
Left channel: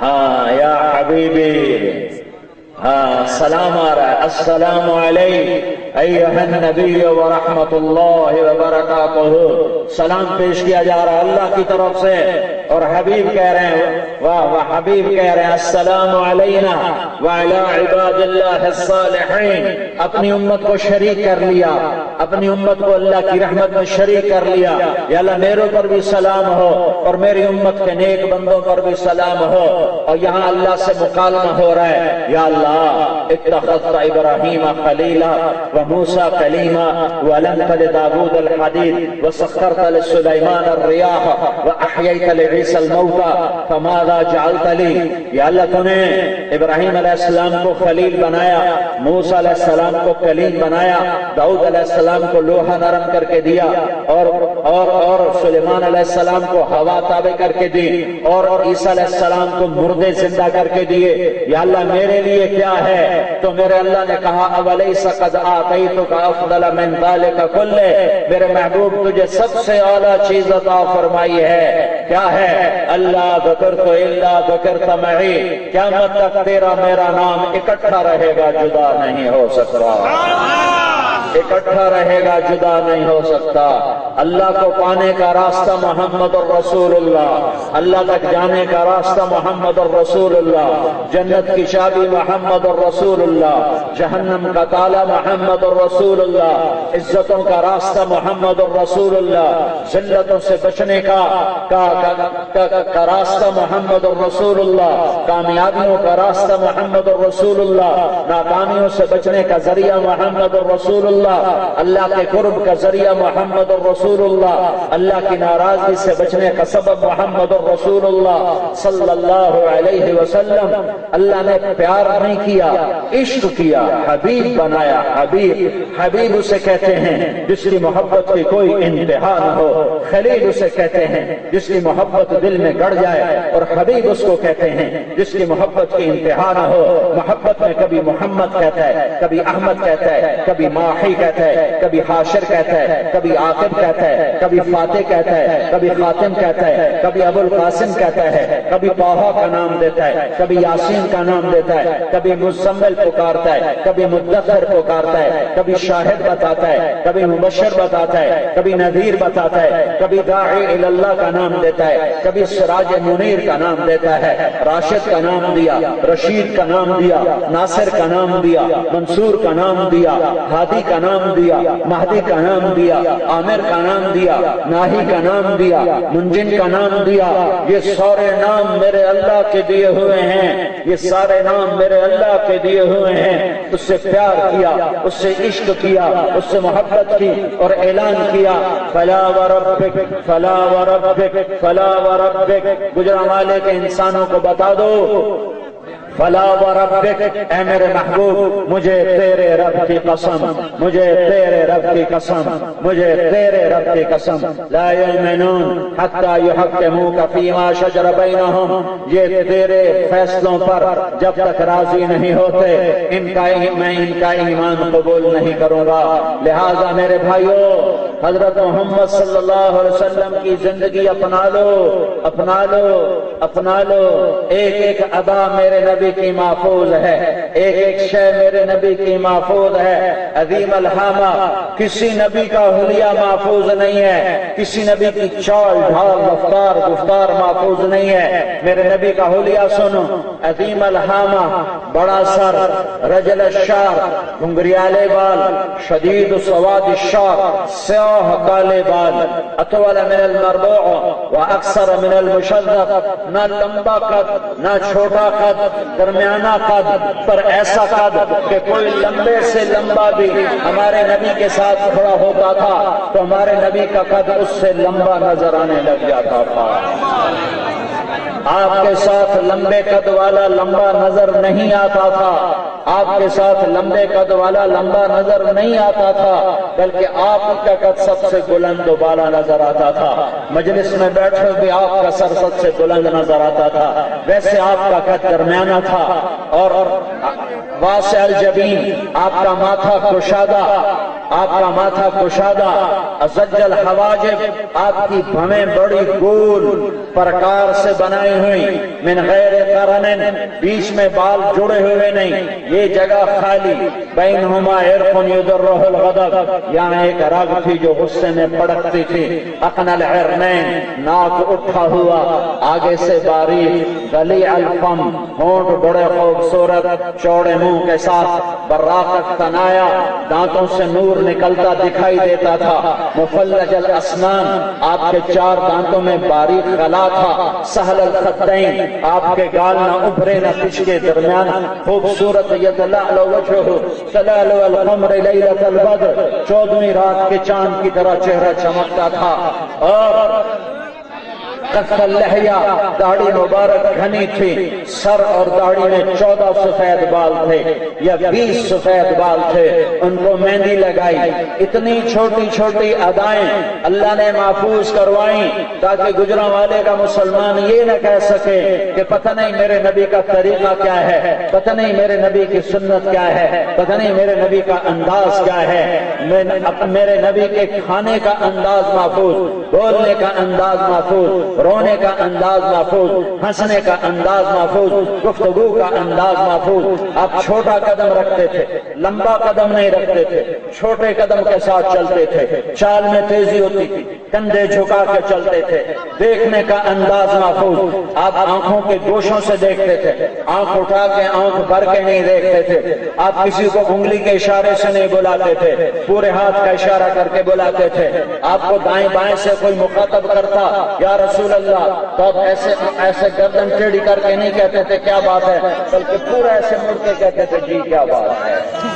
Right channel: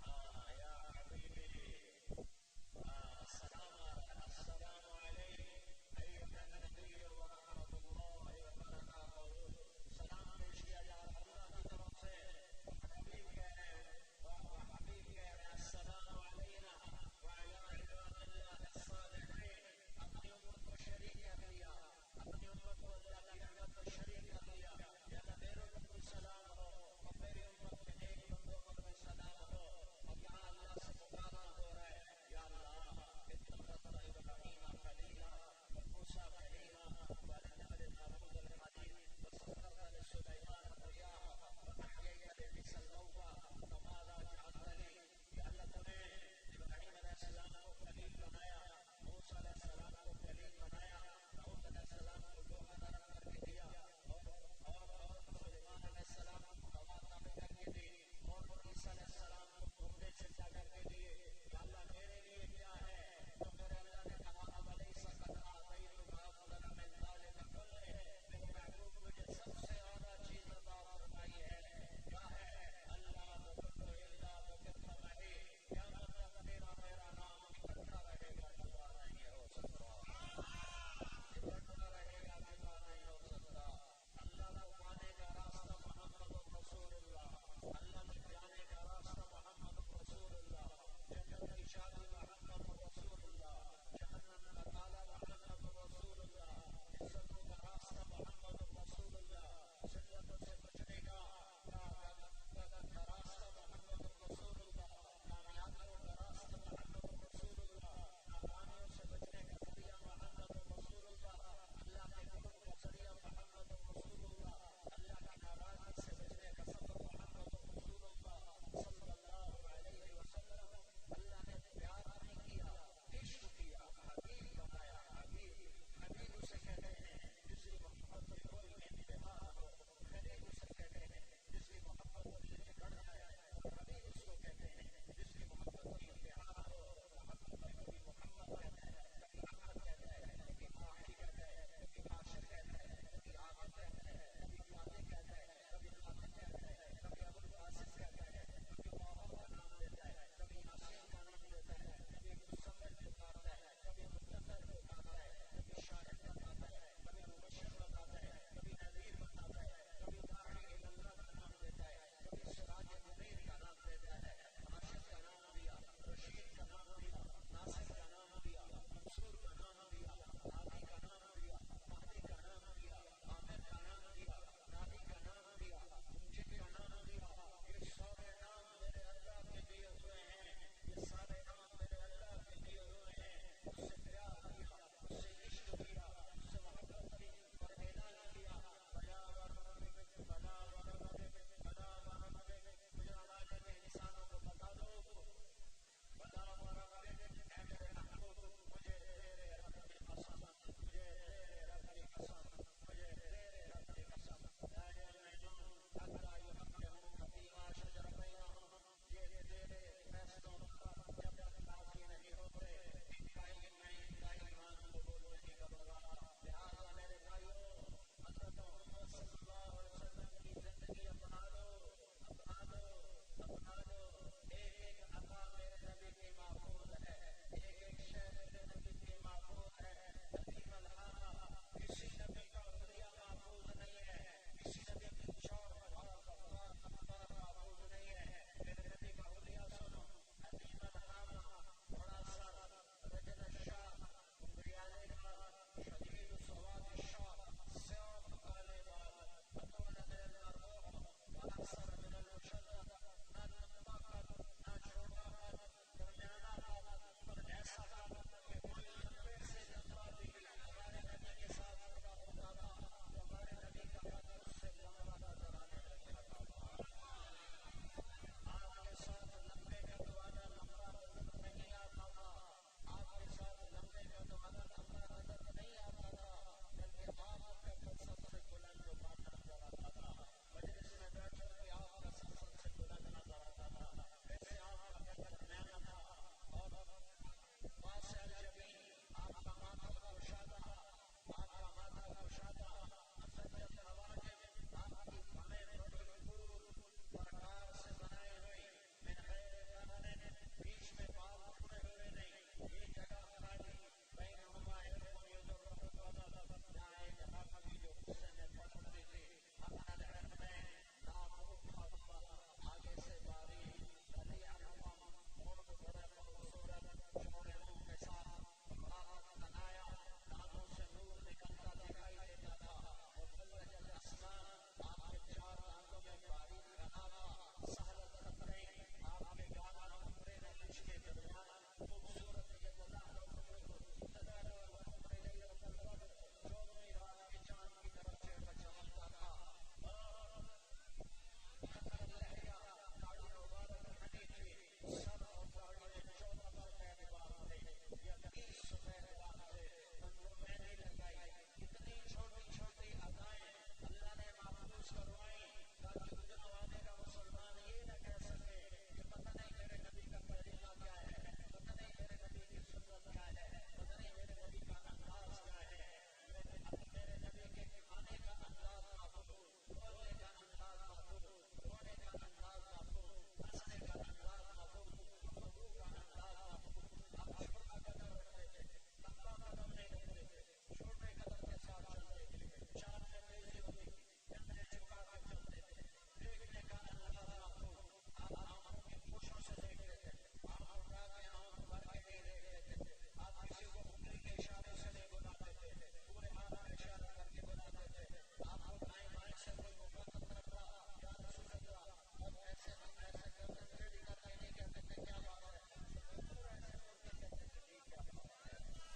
ہاں یا حبیبی، ہاں سلام آ رہا ہے، السلام علیک ایھا النبی ورحمۃ اللہ وبرکاتہ، سلام پیش کیا جا رہا ہے اللہ کی طرف سے، اور حبیب کہہ رہے ہیں واہ حبیب کہہ رہے ہیں السلام علینا وعلی عباد اللہ الصالحین۔ اپنی امت کو شریک کر لیا، اپنی امت کو اللہ کی رحمت میں شریک کر لیا۔ یا اللہ میرے پر بھی سلام ہو اور میری امت کے نیک بندوں پر بھی سلام ہو۔ اور یہاں اللہ سے مکالمہ ہو رہا ہے، یا اللہ اتخذت ابراہیم خلیلا وموسیٰ کلیما وَأَلَنْتَ لِدَاوُودَ الْحَدِيدَ وَسَخَّرْتَ لِسُلَيْمَانَ الرِّيَاحَ وَأَحْيَيْتَ لِعِيسَى الْمَوْتَى فَمَاذَا جَعَلْتَ لِي۔ یا اللہ تو نے ابراہیم علیہ السلام کو خلیل بنایا، موسیٰ علیہ السلام کو کلیم بنایا، داؤد علیہ السلام کو لوہا نرم کر کے دیا، اور سلیمان علیہ السلام کو ہوا تابع کر کے دی، اور عیسیٰ علیہ السلام کو مردے زندہ کر کے دیے۔ یا اللہ میرے لیے کیا ہے؟ تو میرے اللہ نے کہا اولیس قد آتیتک افضل من ذلک کلہ، میرے محبوب تجھے سب سے اعلیٰ چیز عطا فرمائی ہے۔ کیا ہے؟ اللہ ذکرت الا ذکرت معی، قیامت تک تیرا میرا نام اکٹھا رہے گا، جدا نہیں ہو سکتا، اکٹھا رہے گا، جدا نہیں ہو سکتا۔ اللہ کو پانے کا راستہ محمد الرسول اللہ، اللہ تک جانے کا راستہ محمد الرسول اللہ، جنت کی چابی محمد الرسول اللہ، جہنم کا تالا محمد الرسول اللہ، عزتوں کا راستہ محمد الرسول اللہ، ذلتوں سے بچنے کا راستہ محمد الرسول اللہ، کامیابیوں کا راستہ محمد الرسول اللہ، ناکامیوں سے بچنے کا ذریعہ محمد الرسول اللہ، اللہ کے قرب کا ذریعہ محمد الرسول اللہ، اللہ کی ناراضگی سے بچنے کا سبب محمد الرسول اللہ صلی اللہ علیہ وسلم۔ اللہ نے پیار نہیں کیا، عشق کیا، حبیب بنایا۔ حبیب اسے کہتے ہیں جس کی محبت کی کوئی انتہا نہ ہو، خلیل اسے کہتے ہیں جس کی محبت دل میں گڑ جائے، اور حبیب اس کو کہتے ہیں جس کی محبت کی انتہا نہ ہو۔ محبت میں کبھی محمد کہتا ہے، کبھی احمد کہتا ہے، کبھی ماحی کہتا ہے، کبھی حاشر کہتا ہے، کبھی عاقب کہتا ہے، کبھی فاتح کہتا ہے، کبھی خاتم کہتا ہے، کبھی ابو القاسم کہتا ہے، کبھی طٰہٰ کا نام دیتا ہے، کبھی یاسین کا نام دیتا ہے، کبھی مزمل پکارتا ہے، کبھی مدثر پکارتا ہے، کبھی شاہد بتاتا ہے، کبھی مبشر بتاتا ہے، کبھی نذیر بتاتا ہے، کبھی داعی الی اللہ کا نام دیتا ہے، کبھی سراج منیر کا نام دیتا ہے، راشد کا نام دیا، رشید کا نام دیا، ناصر کا نام دیا، منصور کا نام دیا، ہادی کا نام دیا، مہدی کا نام دیا، عامر کا نام دیا، ناہی کا نام دیا، منجن کا نام دیا۔ یہ سارے نام میرے اللہ کے دیے ہوئے ہیں، یہ سارے نام میرے اللہ کے دیے ہوئے ہیں۔ اس سے پیار کیا، اس سے عشق کیا، اس سے محبت کی، اور اعلان کیا فلا وربک فلا وربک فلا وربک۔ گجرانوالے کے انسانوں کو بتا دو فلا وربک، اے میرے محبوب مجھے تیرے رب کی قسم، مجھے تیرے رب کی قسم، مجھے تیرے رب کی قسم، لا یؤمنون حتی یحکموک فیما شجر بینہم، یہ تیرے فیصلوں پر جب تک راضی نہیں ہوتے میں ان کا ایمان قبول نہیں کروں گا۔ لہذا میرے بھائیو، حضرت محمد صلی اللہ علیہ وسلم کی زندگی اپنا لو، اپنا لو، اپنا لو۔ ایک ایک ادا میرے نبی کی محفوظ ہے، ایک ایک شے میرے نبی کی محفوظ ہے۔ عظیم الحامہ، کسی نبی کا حلیہ محفوظ نہیں ہے، کسی نبی کی چال ڈھال رفتار گفتار محفوظ نہیں ہے۔ میرے نبی کا حلیہ سنو، عظیم الحامہ، بڑا سر، رجل الشعر، گھنگریالے بال، شدید سواد الشعر، سیاہ کالے بال، اطول من المربوع و اکثر من المشذب، نہ لمبا قد نہ چھوٹا قد، درمیانہ قد، پر ایسا قد کہ کوئی لمبے سے لمبا بھی ہمارے نبی کے ساتھ کھڑا ہوتا تھا تو ہمارے نبی کا قد اس سے لمبا نظر آنے لگ جاتا تھا۔ آپ کے ساتھ لمبے قد والا لمبا نظر نہیں آتا تھا، آپ کے ساتھ لمبے قد والا لمبا نظر نہیں آتا تھا، بلکہ آپ کا قد سب سے بلند و بالا نظر آتا تھا۔ مجلس میں بیٹھے بھی آپ کا سر سب سے بلند نظر آتا تھا، ویسے آپ کا قد درمیانہ تھا، اور واسع الجبین، آپ کا ماتھا کشادہ، آپ کا ماتھا کشادہ، ازج الحواجب، آپ کی بھویں بڑی گول پرکار سے بنائی ہوئی، من غیر قرن، بیچ میں بال جڑے ہوئے نہیں، یہ جگہ خالی، بینہما عرق یدرہ الغضب، یہاں ایک رگ تھی جو غصے میں پڑکتی تھی، اقن العرنین، ناک اٹھا ہوا، آگے سے باریک، گلیع الفم، ہونٹ بڑے خوبصورت چوڑے منہ کے ساتھ، براقت تنایا، دانتوں سے نور نکلتا دکھائی دیتا تھا، مفلج الاسنان، آپ کے 4 دانتوں میں باریک غلا تھا، سہل الخدین، آپ کے گال نہ ابھرے نہ پچھلے درمیان، خوبصورت یتلألؤ وجہہ تلألؤ القمر لیلۃ البدر، 14ویں رات کے چاند کی طرح چہرہ چمکتا تھا، اور قص اللحیہ، داڑھی مبارک گھنی تھی، سر اور داڑھی میں 14 سفید بال تھے یا 20 سفید بال تھے، ان کو مہندی لگائی، اتنی چھوٹی چھوٹی ادائیں اللہ نے محفوظ کروائیں تاکہ گجراں والے کا مسلمان یہ نہ کہہ سکے کہ پتہ نہیں میرے نبی کا طریقہ کیا ہے، پتہ نہیں میرے نبی کی سنت کیا ہے، پتہ نہیں میرے نبی کا انداز کیا ہے، میرے نبی کے کھانے کا انداز محفوظ، بولنے کا انداز محفوظ، رونے کا انداز محفوظ، ہنسنے کا انداز محفوظ، گفتگو کا انداز محفوظ۔ آپ چھوٹا قدم رکھتے تھے، لمبا قدم نہیں رکھتے تھے، چھوٹے قدم کے ساتھ چلتے تھے، چال میں تیزی ہوتی تھی، کندھے جھکا کے چلتے تھے، دیکھنے کا انداز محفوظ، آپ آنکھوں کے گوشوں سے دیکھتے تھے، آنکھ اٹھا کے آنکھ بھر کے نہیں دیکھتے تھے، آپ کسی کو انگلی کے اشارے سے نہیں بلاتے تھے، پورے ہاتھ کا اشارہ کر کے بلاتے تھے، آپ کو دائیں بائیں سے کوئی مخاطب کرتا یا رسول اللہ تو آپ ایسے گردن ٹیڑھی کر کے نہیں کہتے تھے کیا بات ہے، بلکہ پورا ایسے مڑ کے کہتے تھے جی کیا بات ہے،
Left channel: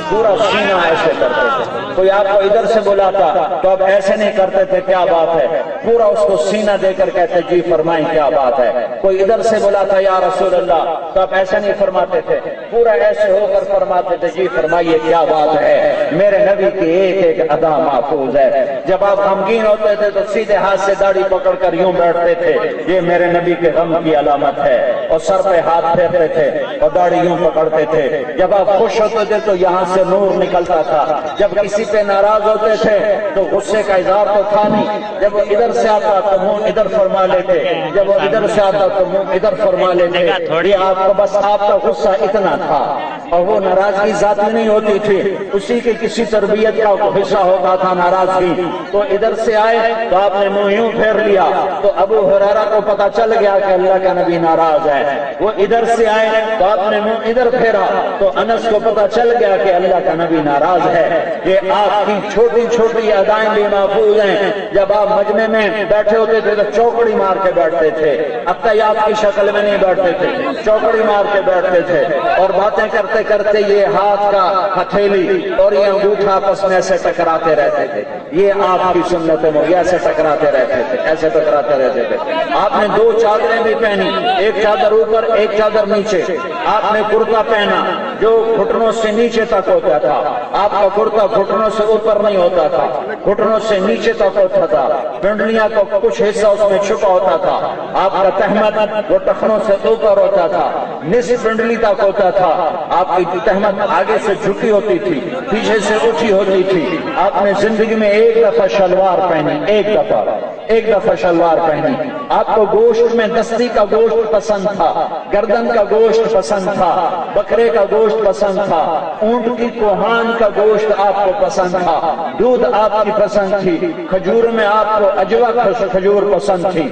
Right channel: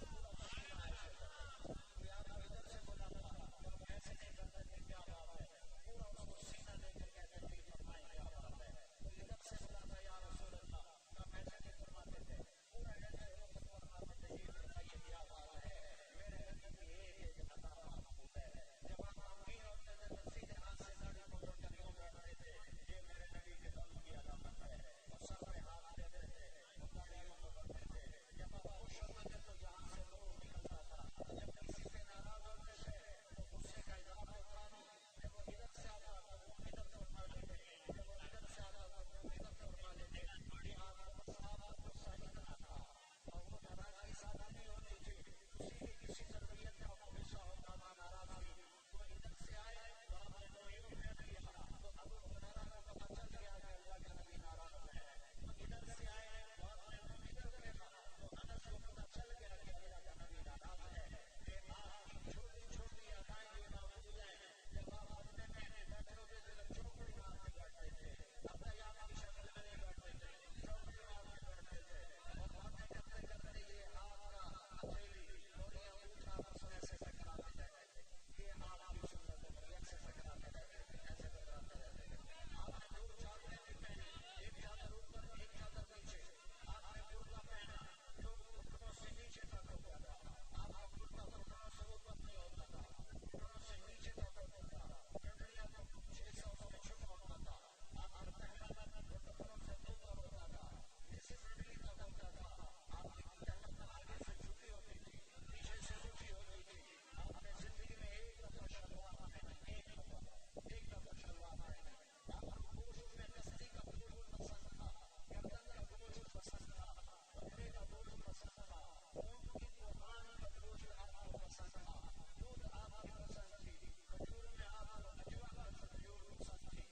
پورا سینہ ایسے کرتے تھے۔ کوئی آپ کو ادھر سے بلاتا تو آپ ایسے نہیں کرتے تھے کیا بات ہے، پورا اس کو سینہ دے کر کہتے جی فرمائیں کیا بات ہے۔ کوئی ادھر سے بلاتا یا رسول اللہ تو آپ ایسے نہیں فرماتے تھے، پورا ایسے ہو کر فرماتے تھے جی فرمائیے کیا بات ہے۔ میرے نبی کی ایک ایک ادا محفوظ ہے۔ جب آپ غمگین ہوتے تھے تو سیدھے ہاتھ سے داڑھی پکڑ کر یوں بیٹھتے تھے، یہ میرے نبی کے غم کی علامت ہے، اور سر پہ ہاتھ پھیرتے تھے اور داڑھی یوں پکڑتے تھے۔ جب آپ خوش ہوتے تھے تو یہاں سے نور نکلتا تھا، جب کسی پہ ناراض ہوتے تھے تو غصے کا اظہار تو تھا نہیں، جب وہ ادھر سے آتا تو منہ ادھر فرما لیتے، جب وہ ادھر سے آتا تو منہ ادھر فرما لیتے۔ یہ آپ کو بس آپ کا غصہ اتنا تھا، اور وہ ناراضگی ذاتی نہیں ہوتی تھی، اسی کی کسی تربیت کا حصہ ہوتا تھا ناراضگی۔ تو ادھر سے آئے تو آپ نے منہ یوں پھیر لیا تو ابو ہریرہ کو پتا چل گیا کہ اللہ کا نبی ناراض ہے۔ وہ ادھر سے آئے تو آپ نے منہ ادھر پھیرا تو انس کو پتا چل گیا کہ اللہ کا نبی ناراض ہے۔ یہ آپ کی چھوٹی چھوٹی ادائیں بھی محفوظ ہیں۔ جب آپ مجمع میں بیٹھے ہوتے تھے تو چوکڑی مار کے بیٹھتے تھے، اتحیات کی شکل میں نہیں بیٹھتے تھے، چوکڑی مار کے بیٹھتے تھے، اور باتیں کرتے کرتے یہ ہاتھ کا ہتھیلی اور یہ انگوٹھا آپس میں ایسے ٹکراتے رہتے تھے۔ یہ آپ کی سنت ہے، ایسے ٹکراتے رہتے تھے، ایسے ٹکراتے رہتے تھے۔ آپ نے 2 چادریں بھی پہنی، ایک چادر اوپر ایک چادر نیچے۔ آپ نے کرتا پہنا جو گھٹنوں سے نیچے تک ہوتا تھا، آپ کا کرتا گھٹنوں سے اوپر نہیں ہوتا تھا، گھٹنوں سے نیچے تک ہوتا تھا، پنڈلیاں کو کچھ حصہ اس میں چھپا ہوتا تھا۔ آپ کا تہمت وہ ٹخنوں سے اوپر ہوتا تھا، نصف پنڈلی تک ہوتا تھا۔ آپ کی تہمت آگے سے جھکی ہوتی تھی، پیچھے سے اٹھی ہوتی تھی۔ آپ نے زندگی میں ایک دفعہ شلوار پہنی، ایک دفعہ شلوار پہنی۔ آپ کو گوشت میں دستی کا گوشت پسند تھا، گردن کا گوشت پسند تھا، بکرے کا گوشت پسند تھا، اونٹ کی کوہان کا گوشت آپ کو پسند تھا، دودھ آپ کی پسند تھی، کھجور میں آپ کو اجوا کھجور پسند تھی،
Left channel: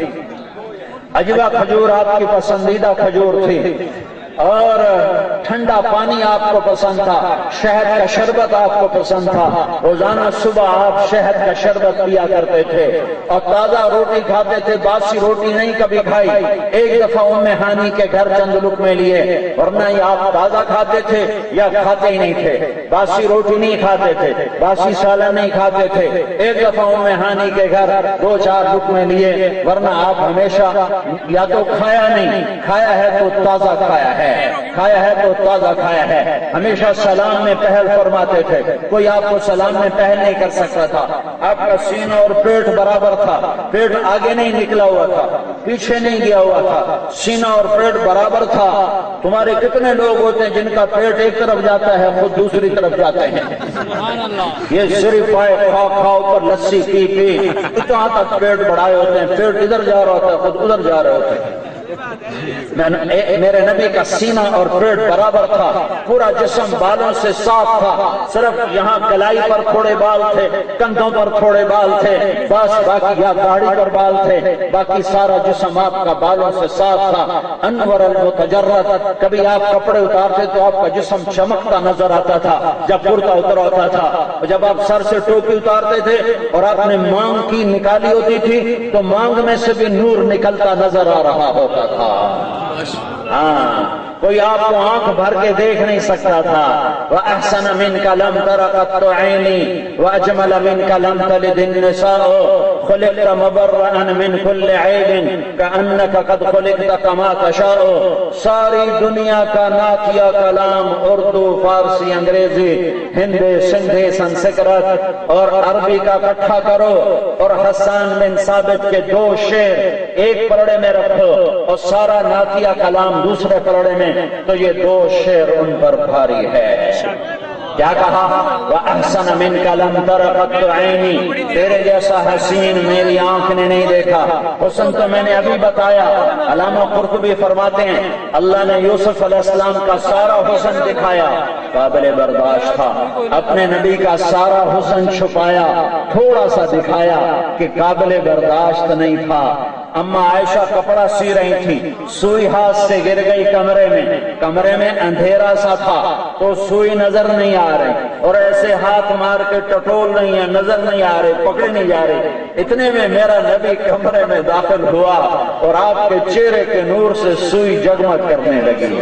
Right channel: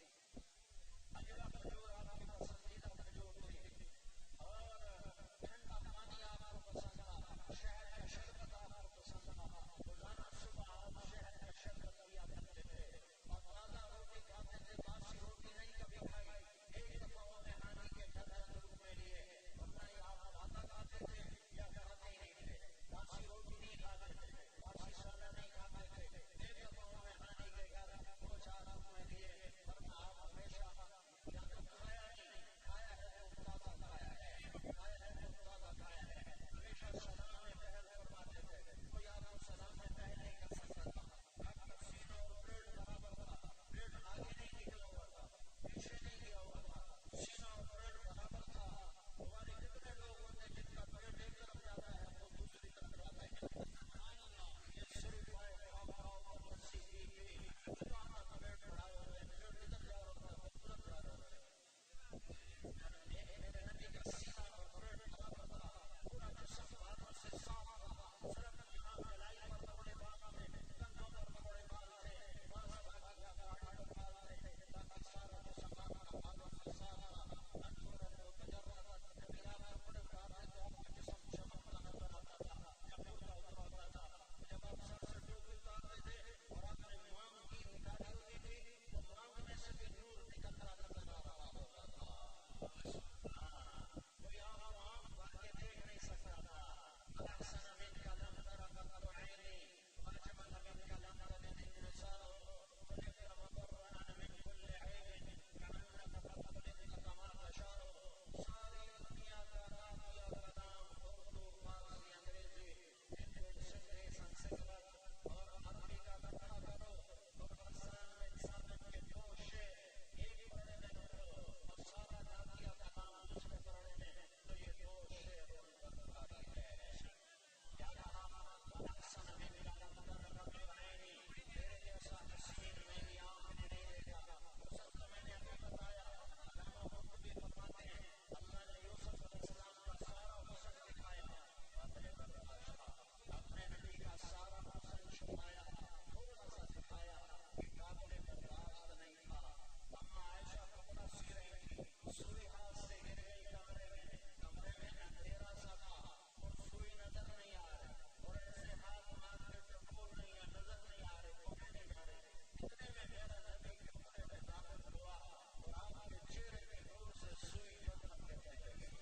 اجوا کھجور آپ کی پسندیدہ کھجور تھی، اور ٹھنڈا پانی آپ کو پسند تھا، شہد کا شربت آپ کو پسند تھا، روزانہ صبح آپ شہد کا شربت پیا کرتے تھے، اور تازہ روٹی کھاتے تھے، باسی روٹی نہیں کبھی کھائی۔ ایک دفعہ ام ہانی کے گھر چند لقمے لیے، ورنہ یہ آپ تازہ کھاتے تھے یا کھاتے ہی نہیں تھے، باسی روٹی نہیں کھاتے تھے، باسی سالن نہیں کھاتے تھے۔ ایک دفعہ ام ہانی کے گھر 2-4 لقمے لیے، ورنہ آپ ہمیشہ یا تو کھایا نہیں، کھایا ہے تو تازہ کھایا ہے۔ کھایا ہے تو تازہ کھایا ہے۔ ہمیشہ سلام میں پہل فرماتے تھے، کوئی آپ کو سلام میں پہل نہیں کر سکتا تھا۔ آپ کا سینہ اور پیٹ برابر تھا، پیٹ آگے نہیں نکلا ہوا تھا، پیچھے نہیں گیا ہوا تھا، سینہ اور پیٹ برابر تھا۔ تمہارے کتنے لوگ ہوتے ہیں جن کا پیٹ ایک طرف جاتا ہے، خود دوسری طرف جاتے ہیں۔ یہ صرف پائے کھا کھا اوپر لسی پی پی اتنا تک پیٹ بڑھائے ہوتے ہیں، پیٹ ادھر جا رہا ہوتا ہے، خود ادھر جا رہے ہوتے ہیں۔ میرے نبی کا سینہ اور پیٹ برابر تھا، پورا جسم بالوں سے صاف تھا، صرف یہاں کلائی پر تھوڑے بال تھے، کندھوں پر تھوڑے بال تھے، بس باقی یا داڑھی پر بال تھے، باقی سارا جسم آپ کا بالوں سے صاف تھا۔ انور المتجرد، کبھی آپ کپڑے اتارتے تو آپ کا جسم چمکتا نظر آتا تھا جب کرتا اتر ہوتا تھا، جب آپ سر سے ٹوپی اتارتے تھے اور آپ نے مانگ کی نکالی ہوتی تھی تو مانگ میں سے بھی نور نکلتا نظر آ رہا ہوتا تھا۔ ہاں، کوئی آپ کو آنکھ بھر کے دیکھ نہیں سکتا تھا۔ وَأَحْسَنَ مِنْكَ لَمْ تَرَ قَطُّ عَيْنِي وَأَجْمَلَ مِنْكَ لَمْ تَلِدِ النِّسَاءُ خُلِقْتَ مُبَرَّئًا مِنْ كُلِّ عَيْبٍ كَأَنَّكَ قَدْ خُلِقْتَ كَمَا تَشَاءُ۔ ساری دنیا کا نعتیہ کلام، اردو، فارسی، انگریزی، ہندی، سندھی، سنسکرت اور عربی کا اکٹھا کرو اور حسان بن ثابت کے 2 شعر ایک پلڑے میں رکھو اور سارا نعتیہ کلام دوسرے پلڑے میں، تو یہ 2 شعر ان پر بھاری ہے۔ کیا کہا؟ وَأَحْسَنَ مِنْكَ لَمْ تَرَ قَطُّ عَيْنِي، تیرے جیسا حسین میری آنکھ نے نہیں دیکھا۔ حسن تو میں نے ابھی بتایا۔ علامہ قرطبی فرماتے ہیں اللہ نے یوسف علیہ السلام کا سارا حسن دکھایا، قابل برداشت تھا، اپنے نبی کا سارا حسن چھپایا، تھوڑا سا دکھایا کہ قابل برداشت نہیں تھا۔ اما عائشہ کپڑا سی رہی تھی، سوئی ہاتھ سے گر گئی کمرے میں اندھیرا سا تھا تو سوئی نظر نہیں آ رہی، اور ایسے ہاتھ مار کے ٹٹول نہیں ہے، نظر نہیں آ رہے، پکڑے نہیں جا رہے۔ اتنے میں میرا نبی کمرے میں داخل ہوا اور آپ کے چہرے کے نور سے سوئی جگمگ کرنے لگی،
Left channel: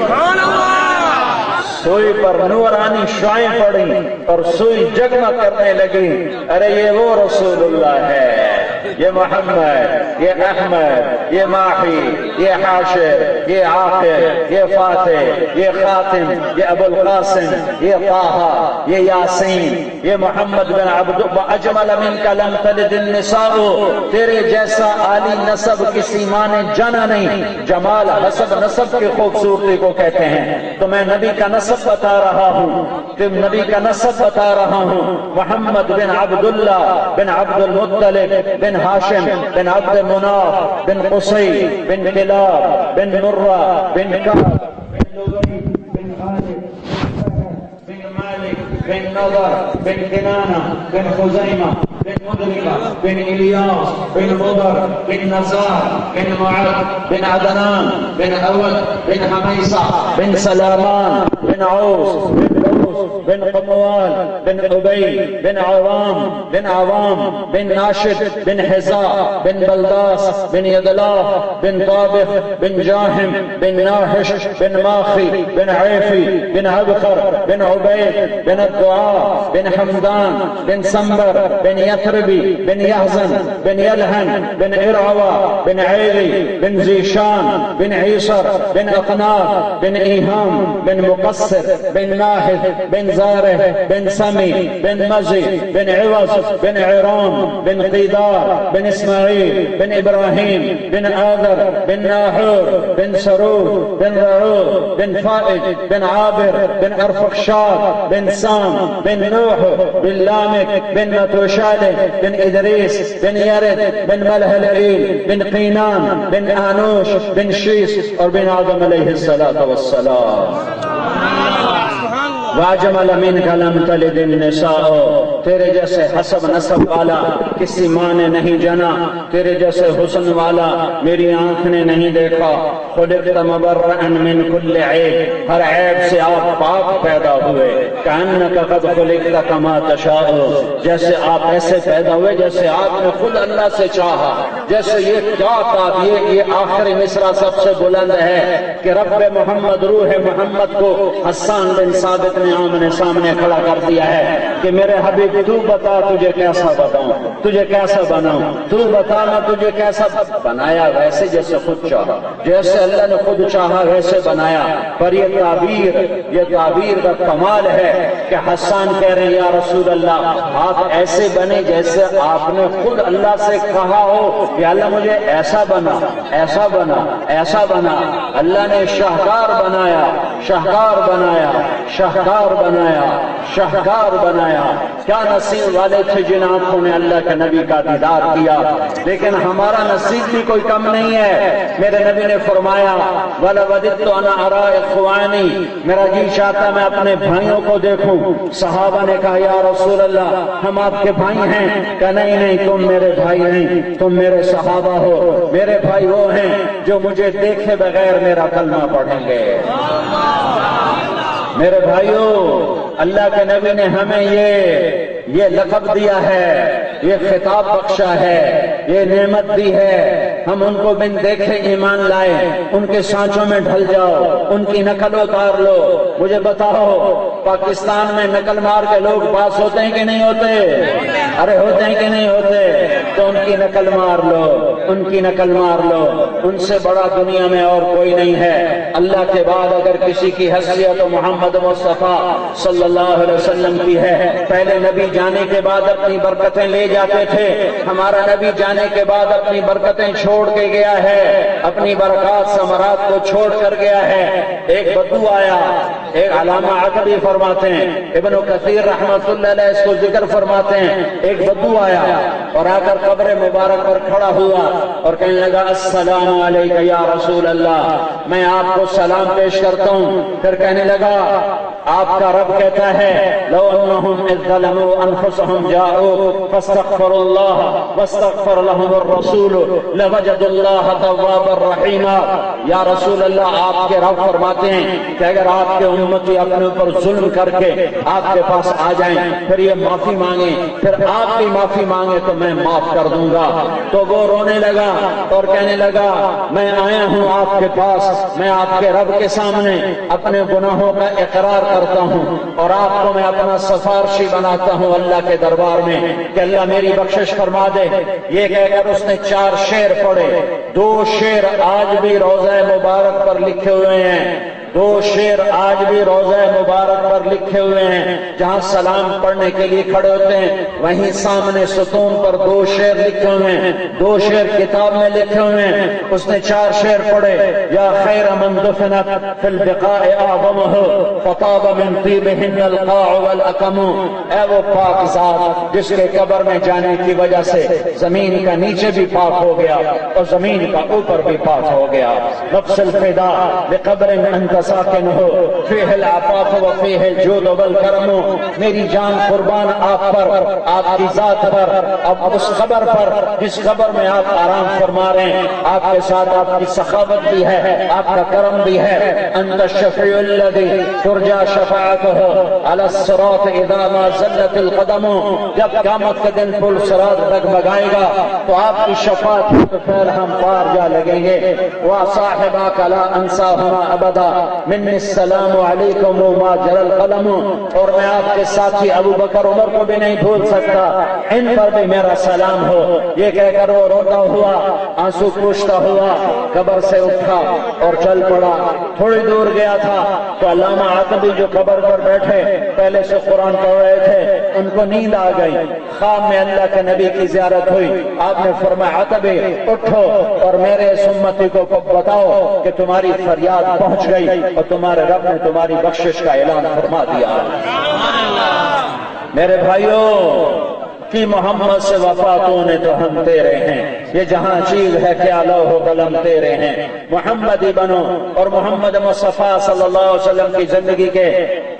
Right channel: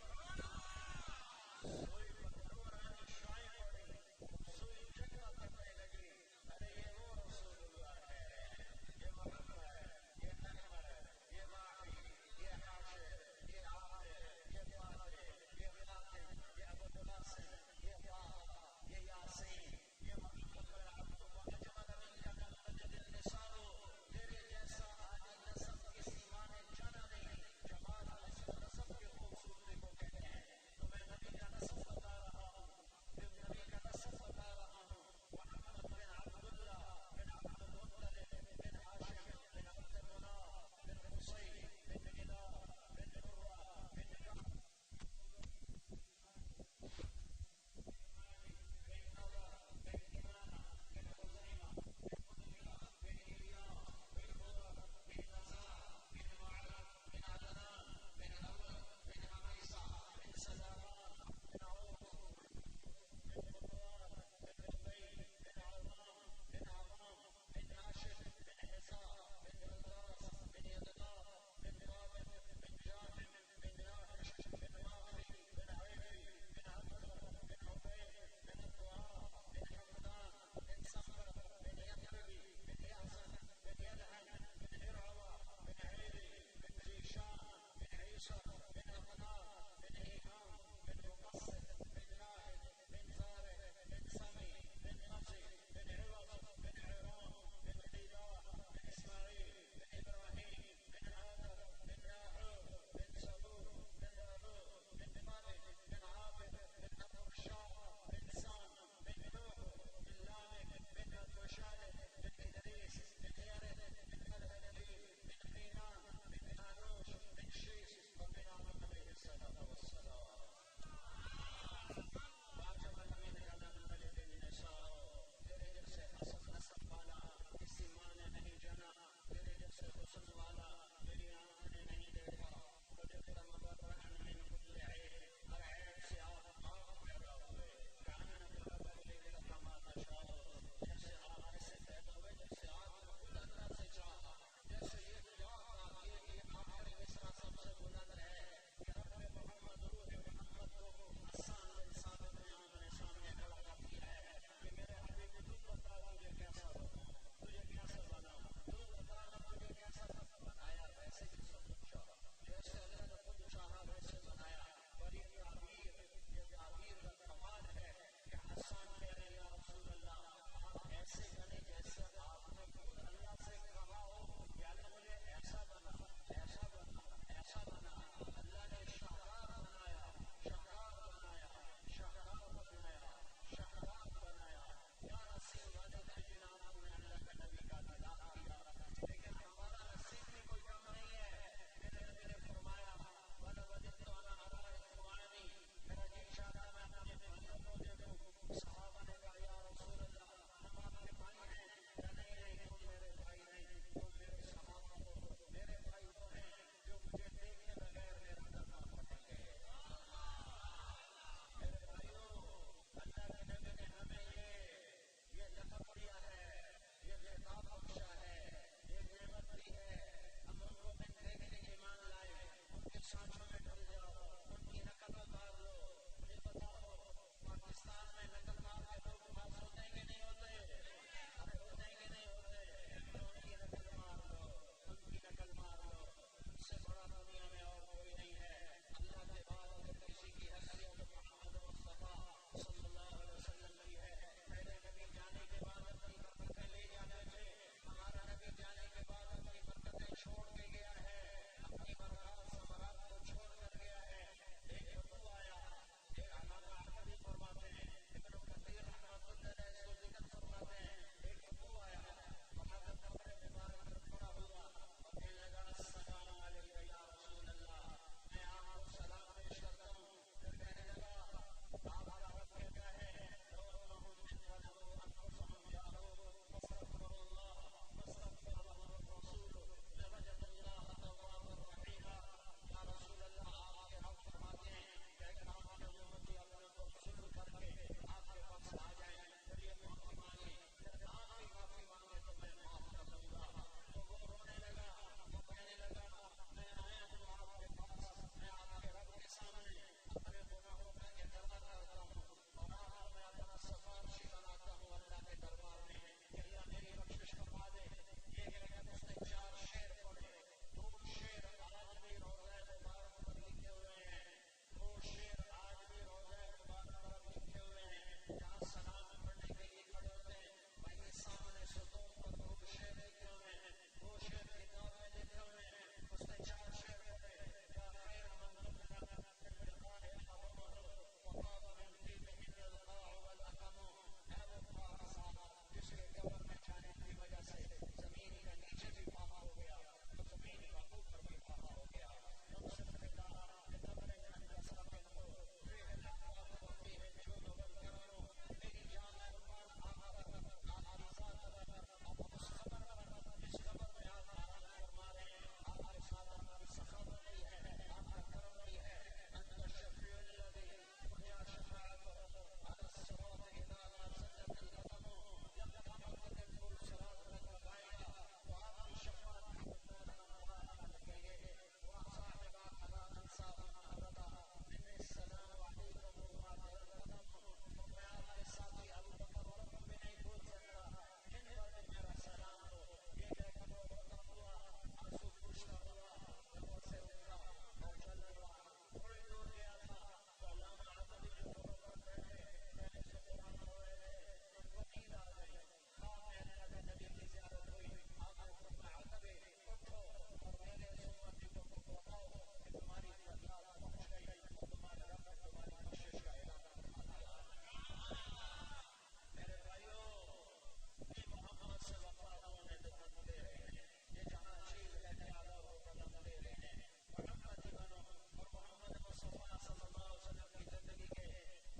سوئی پر نورانی شعائیں پڑی اور سوئی جگمگ کرنے لگی۔ ارے یہ وہ رسول اللہ ہے، یہ محمد، یہ احمد، یہ ماحی، یہ حاشر، یہ عاقب، یہ فاتح، یہ خاتم، یہ ابو القاسم، یہ طٰہٰ، یہ یاسین، یہ محمد بن عبد اجمل منک لم تلد النساء۔ تیرے جیسا عالی نسب کسی ماں نے جانا نہیں۔ جمال حسب نسب کی خوبصورتی کو کہتے ہیں۔ تو میں نبی کا نسب بتا رہا ہوں، نبی کا نسب بتا رہا ہوں۔ محمد بن عبداللہ بن عبد المطلب بن ہاشم بن عبد مناف بن قصی بن کلاب بن مرہ بن کعب بن لؤی بن غالب بن مالک بن نضر بن کنانہ بن خزیمہ بن مدرکہ بن الیاس بن مضر بن نزار بن معد بن عدنان بن اود بن حمیصہ بن سلامان بن عوس بن قموال بن عبی بن عوام بن ناشد بن حزاء بن بلداس بن یدلاف بن طابخ بن جاہم بن ناحش بن ماخی بن عیفی بن عبقر بن عبید بن الدعاء بن حمدان بن سنبر بن یثربی بن یحزن بن یلہن بن ارعوا بن عیلی بن زیشان بن عیسر بن اقناف بن ایہام بن مقصر بن ناحد بن زارح بن سمی بن مزی بن عوض بن عرام بن قیدار بن اسماعیل بن ابراہیم بن آذر بن ناحور بن سرور بن رعود بن فائد بن عابر بن ارفخشاد بن سام بن نوح بن لامك بن متوشالح بن ادریس بن یرد بن ملہلئیل بن قینان بن آنوش بن شیس اور بن آدم علیہ السلام۔ واجمل منک لم تلد النساء، تیرے جیسے حسب نسب والا کسی ماں نے نہیں جنا، تیرے جیسے حسن والا میری آنکھ نے نہیں دیکھا۔ خلقت مبرئا من کل عیب، ہر عیب سے آپ پاک پیدا ہوئے۔ کأنک قد خلقت کما تشاء، جیسے آپ ایسے پیدا ہوئے جیسے آپ نے خود اللہ سے چاہا۔ جیسے یہ کیا بات، یہ آخری مصرع سب سے بلند ہے کہ رب محمد روح محمد کو حسان بن ثابت نے آمنے سامنے کھڑا کر دیا ہے کہ میرے حبیب عابد تو بتا تجھے کیسا بتاؤں، تجھے کیسا بناؤں، تو بتا میں تجھے کیسا بنایا، ویسے جیسے خود چاہا، جیسے اللہ نے خود چاہا ویسے بنایا۔ پر یہ تعبیر کا کمال ہے کہ حسان کہہ رہے ہیں یا رسول اللہ آپ ایسے بنے جیسے آپ نے خود اللہ سے کہا ہو کہ اللہ مجھے ایسا بنا، ایسا بنا، ایسا بنا۔ اللہ نے شاہکار بنایا، شاہکار بنایا، شاہکار بنایا، شاہکار بنایا۔ کیا نصیب والے تھے جن آنکھوں نے اللہ کے نبی کا دیدار کیا، لیکن ہمارا نصیب بھی کوئی کم نہیں ہے۔ میرے نبی نے فرمایا وَلَوَدِدْتُ أَنَا أَرَىٰ إِخْوَانِي، میرا جی چاہتا میں اپنے بھائیوں کو دیکھوں۔ صحابہ نے کہا یا رسول اللہ ہم آپ کے بھائی ہیں، کہ نہیں نہیں تم میرے بھائی نہیں، تم میرے صحابہ ہو۔ میرے بھائی وہ ہیں جو مجھے دیکھے بغیر میرا کلمہ پڑھیں گے۔ میرے بھائیوں، اللہ کے نبی نے ہمیں یہ لقب دیا ہے، یہ خطاب بخشا ہے، یہ نعمت دی ہے۔ ہم ان کو بن دیکھے ایمان لائے، ان کے سانچوں میں ڈھل جاؤ، ان کی نقل اتار لو۔ مجھے بتاؤ پاکستان میں نقل مار کے لوگ پاس ہوتے ہیں کہ نہیں ہوتے؟ ارے ہوتے ہیں کہ نہیں ہوتے؟ تو ان کی نقل مار لو، ان کی نقل مار لو۔ ان سے بڑا دنیا میں اور کوئی نہیں ہے۔ اللہ کے بعد اگر کسی کی حیثیت تو محمد مصطفیٰ صلی اللہ علیہ وسلم کی ہے۔ پہلے نبی جانے کے بعد اپنی برکتیں لے جاتے تھے، ہمارا نبی جانے کے بعد اپنی برکتیں چھوڑ کے گیا ہے، اپنی برکات ثمرات کو چھوڑ کر گیا ہے۔ ایک بدو آیا، ایک علامہ عقبی فرماتے ہیں، ابن کثیر رحمۃ اللہ علیہ اس کو ذکر فرماتے ہیں، ایک بدو آیا اور آ کر قبر مبارک پر کھڑا ہوا اور کہنے لگا السلام علیکم یا رسول اللہ، میں آپ کو سلام پیش کرتا ہوں۔ پھر کہنے لگا آپ کا رب کہتا ہے لو انہم اذ ظلموا انفسهم جاءوا فاستغفروا اللہ واستغفر لهم الرسول لوجدوا اللہ توابا رحیما۔ یا رسول اللہ آپ کے رب فرماتے ہیں کہ اگر آپ کے امتی اپنے اوپر ظلم کر کے آپ کے پاس آ جائیں، پھر یہ معافی مانگیں، پھر آپ کی معافی مانگیں تو میں معاف کر دوں گا۔ تو وہ رونے لگا اور کہنے لگا میں آیا ہوں آپ کے پاس، میں آپ کے رب کے سامنے اپنے گناہوں کا اقرار کرتا ہوں اور آپ کو میں اپنا سفارشی بناتا ہوں اللہ کے دربار میں کہ اللہ میری بخشش فرما دے۔ یہ کہہ کر اس نے 4 شعر پڑھے۔ 2 شعر آج بھی روضہ مبارک پر لکھے ہوئے ہیں، 2 شعر آج بھی روضہ مبارک پر لکھے ہوئے ہیں۔ جہاں سلام پڑھنے کے لیے کھڑے ہوتے ہیں وہیں سامنے ستون پر 2 شعر لکھے ہوئے ہیں، 2 شعر کتاب میں لکھے ہوئے ہیں۔ اس نے 4 شعر پڑھے۔ یا خیر من دفنت فی البقاء اعظمہ فطاب من طیبہن القاع والاکم، اے وہ پاک ذات جس کے قبر میں جانے کی وجہ سے زمین کا نیچے بھی پاک ہو گیا اور زمین کا اوپر بھی پاک ہو گیا۔ نفس الفدا لقبر انت ساکن ہو فیہ العفاف و فیہ الجود والکرم، میری جان قربان آپ پر، آپ کی ذات پر، اب اس قبر پر جس قبر میں آپ آرام فرما رہے ہیں، آپ کے ساتھ آپ کی سخاوت بھی ہے، آپ کا کرم بھی ہے۔ انت الشفیع الذی ترجا شفاعتہ علی الصراط اذا ما زلت القدم، جب قیامت کے دن پل صراط ڈگمگائے گا تو آپ کی شفاعت کے پیر ہم پار جا لگیں گے۔ وصاحباک لا انساہما ابدا منی السلام علیکم ما جرى القلم، اور میں آپ کے ساتھی ابو بکر عمر کو بھی نہیں بھول سکتا، ان پر بھی میرا سلام ہو۔ یہ کہہ کر وہ روتا ہوا، آنسو پوچھتا ہوا قبر سے اٹھا اور چل پڑا۔ تھوڑی دور گیا تھا تو علامہ عقبی جو قبر پر بیٹھے پہلے سے قرآن پڑھ رہے تھے، ان کو نیند آ گئی۔ خواب میں اللہ کے نبی کی زیارت ہوئی، آپ نے فرمایا عقبی اٹھو اور میرے اس امتی کو بتاؤ کہ تمہاری فریاد پہنچ گئی اور تمہارے رب نے تمہاری بخشش کا اعلان فرما دیا۔ میرے بھائیوں کی محمد سے وفاتوں نے تو ہم تیرے ہیں، یہ جہاں چیز ہے کیا لوح و قلم تیرے ہیں۔ محمدی بنو، اور محمد مصطفیٰ صلی اللہ علیہ وسلم کی زندگی کے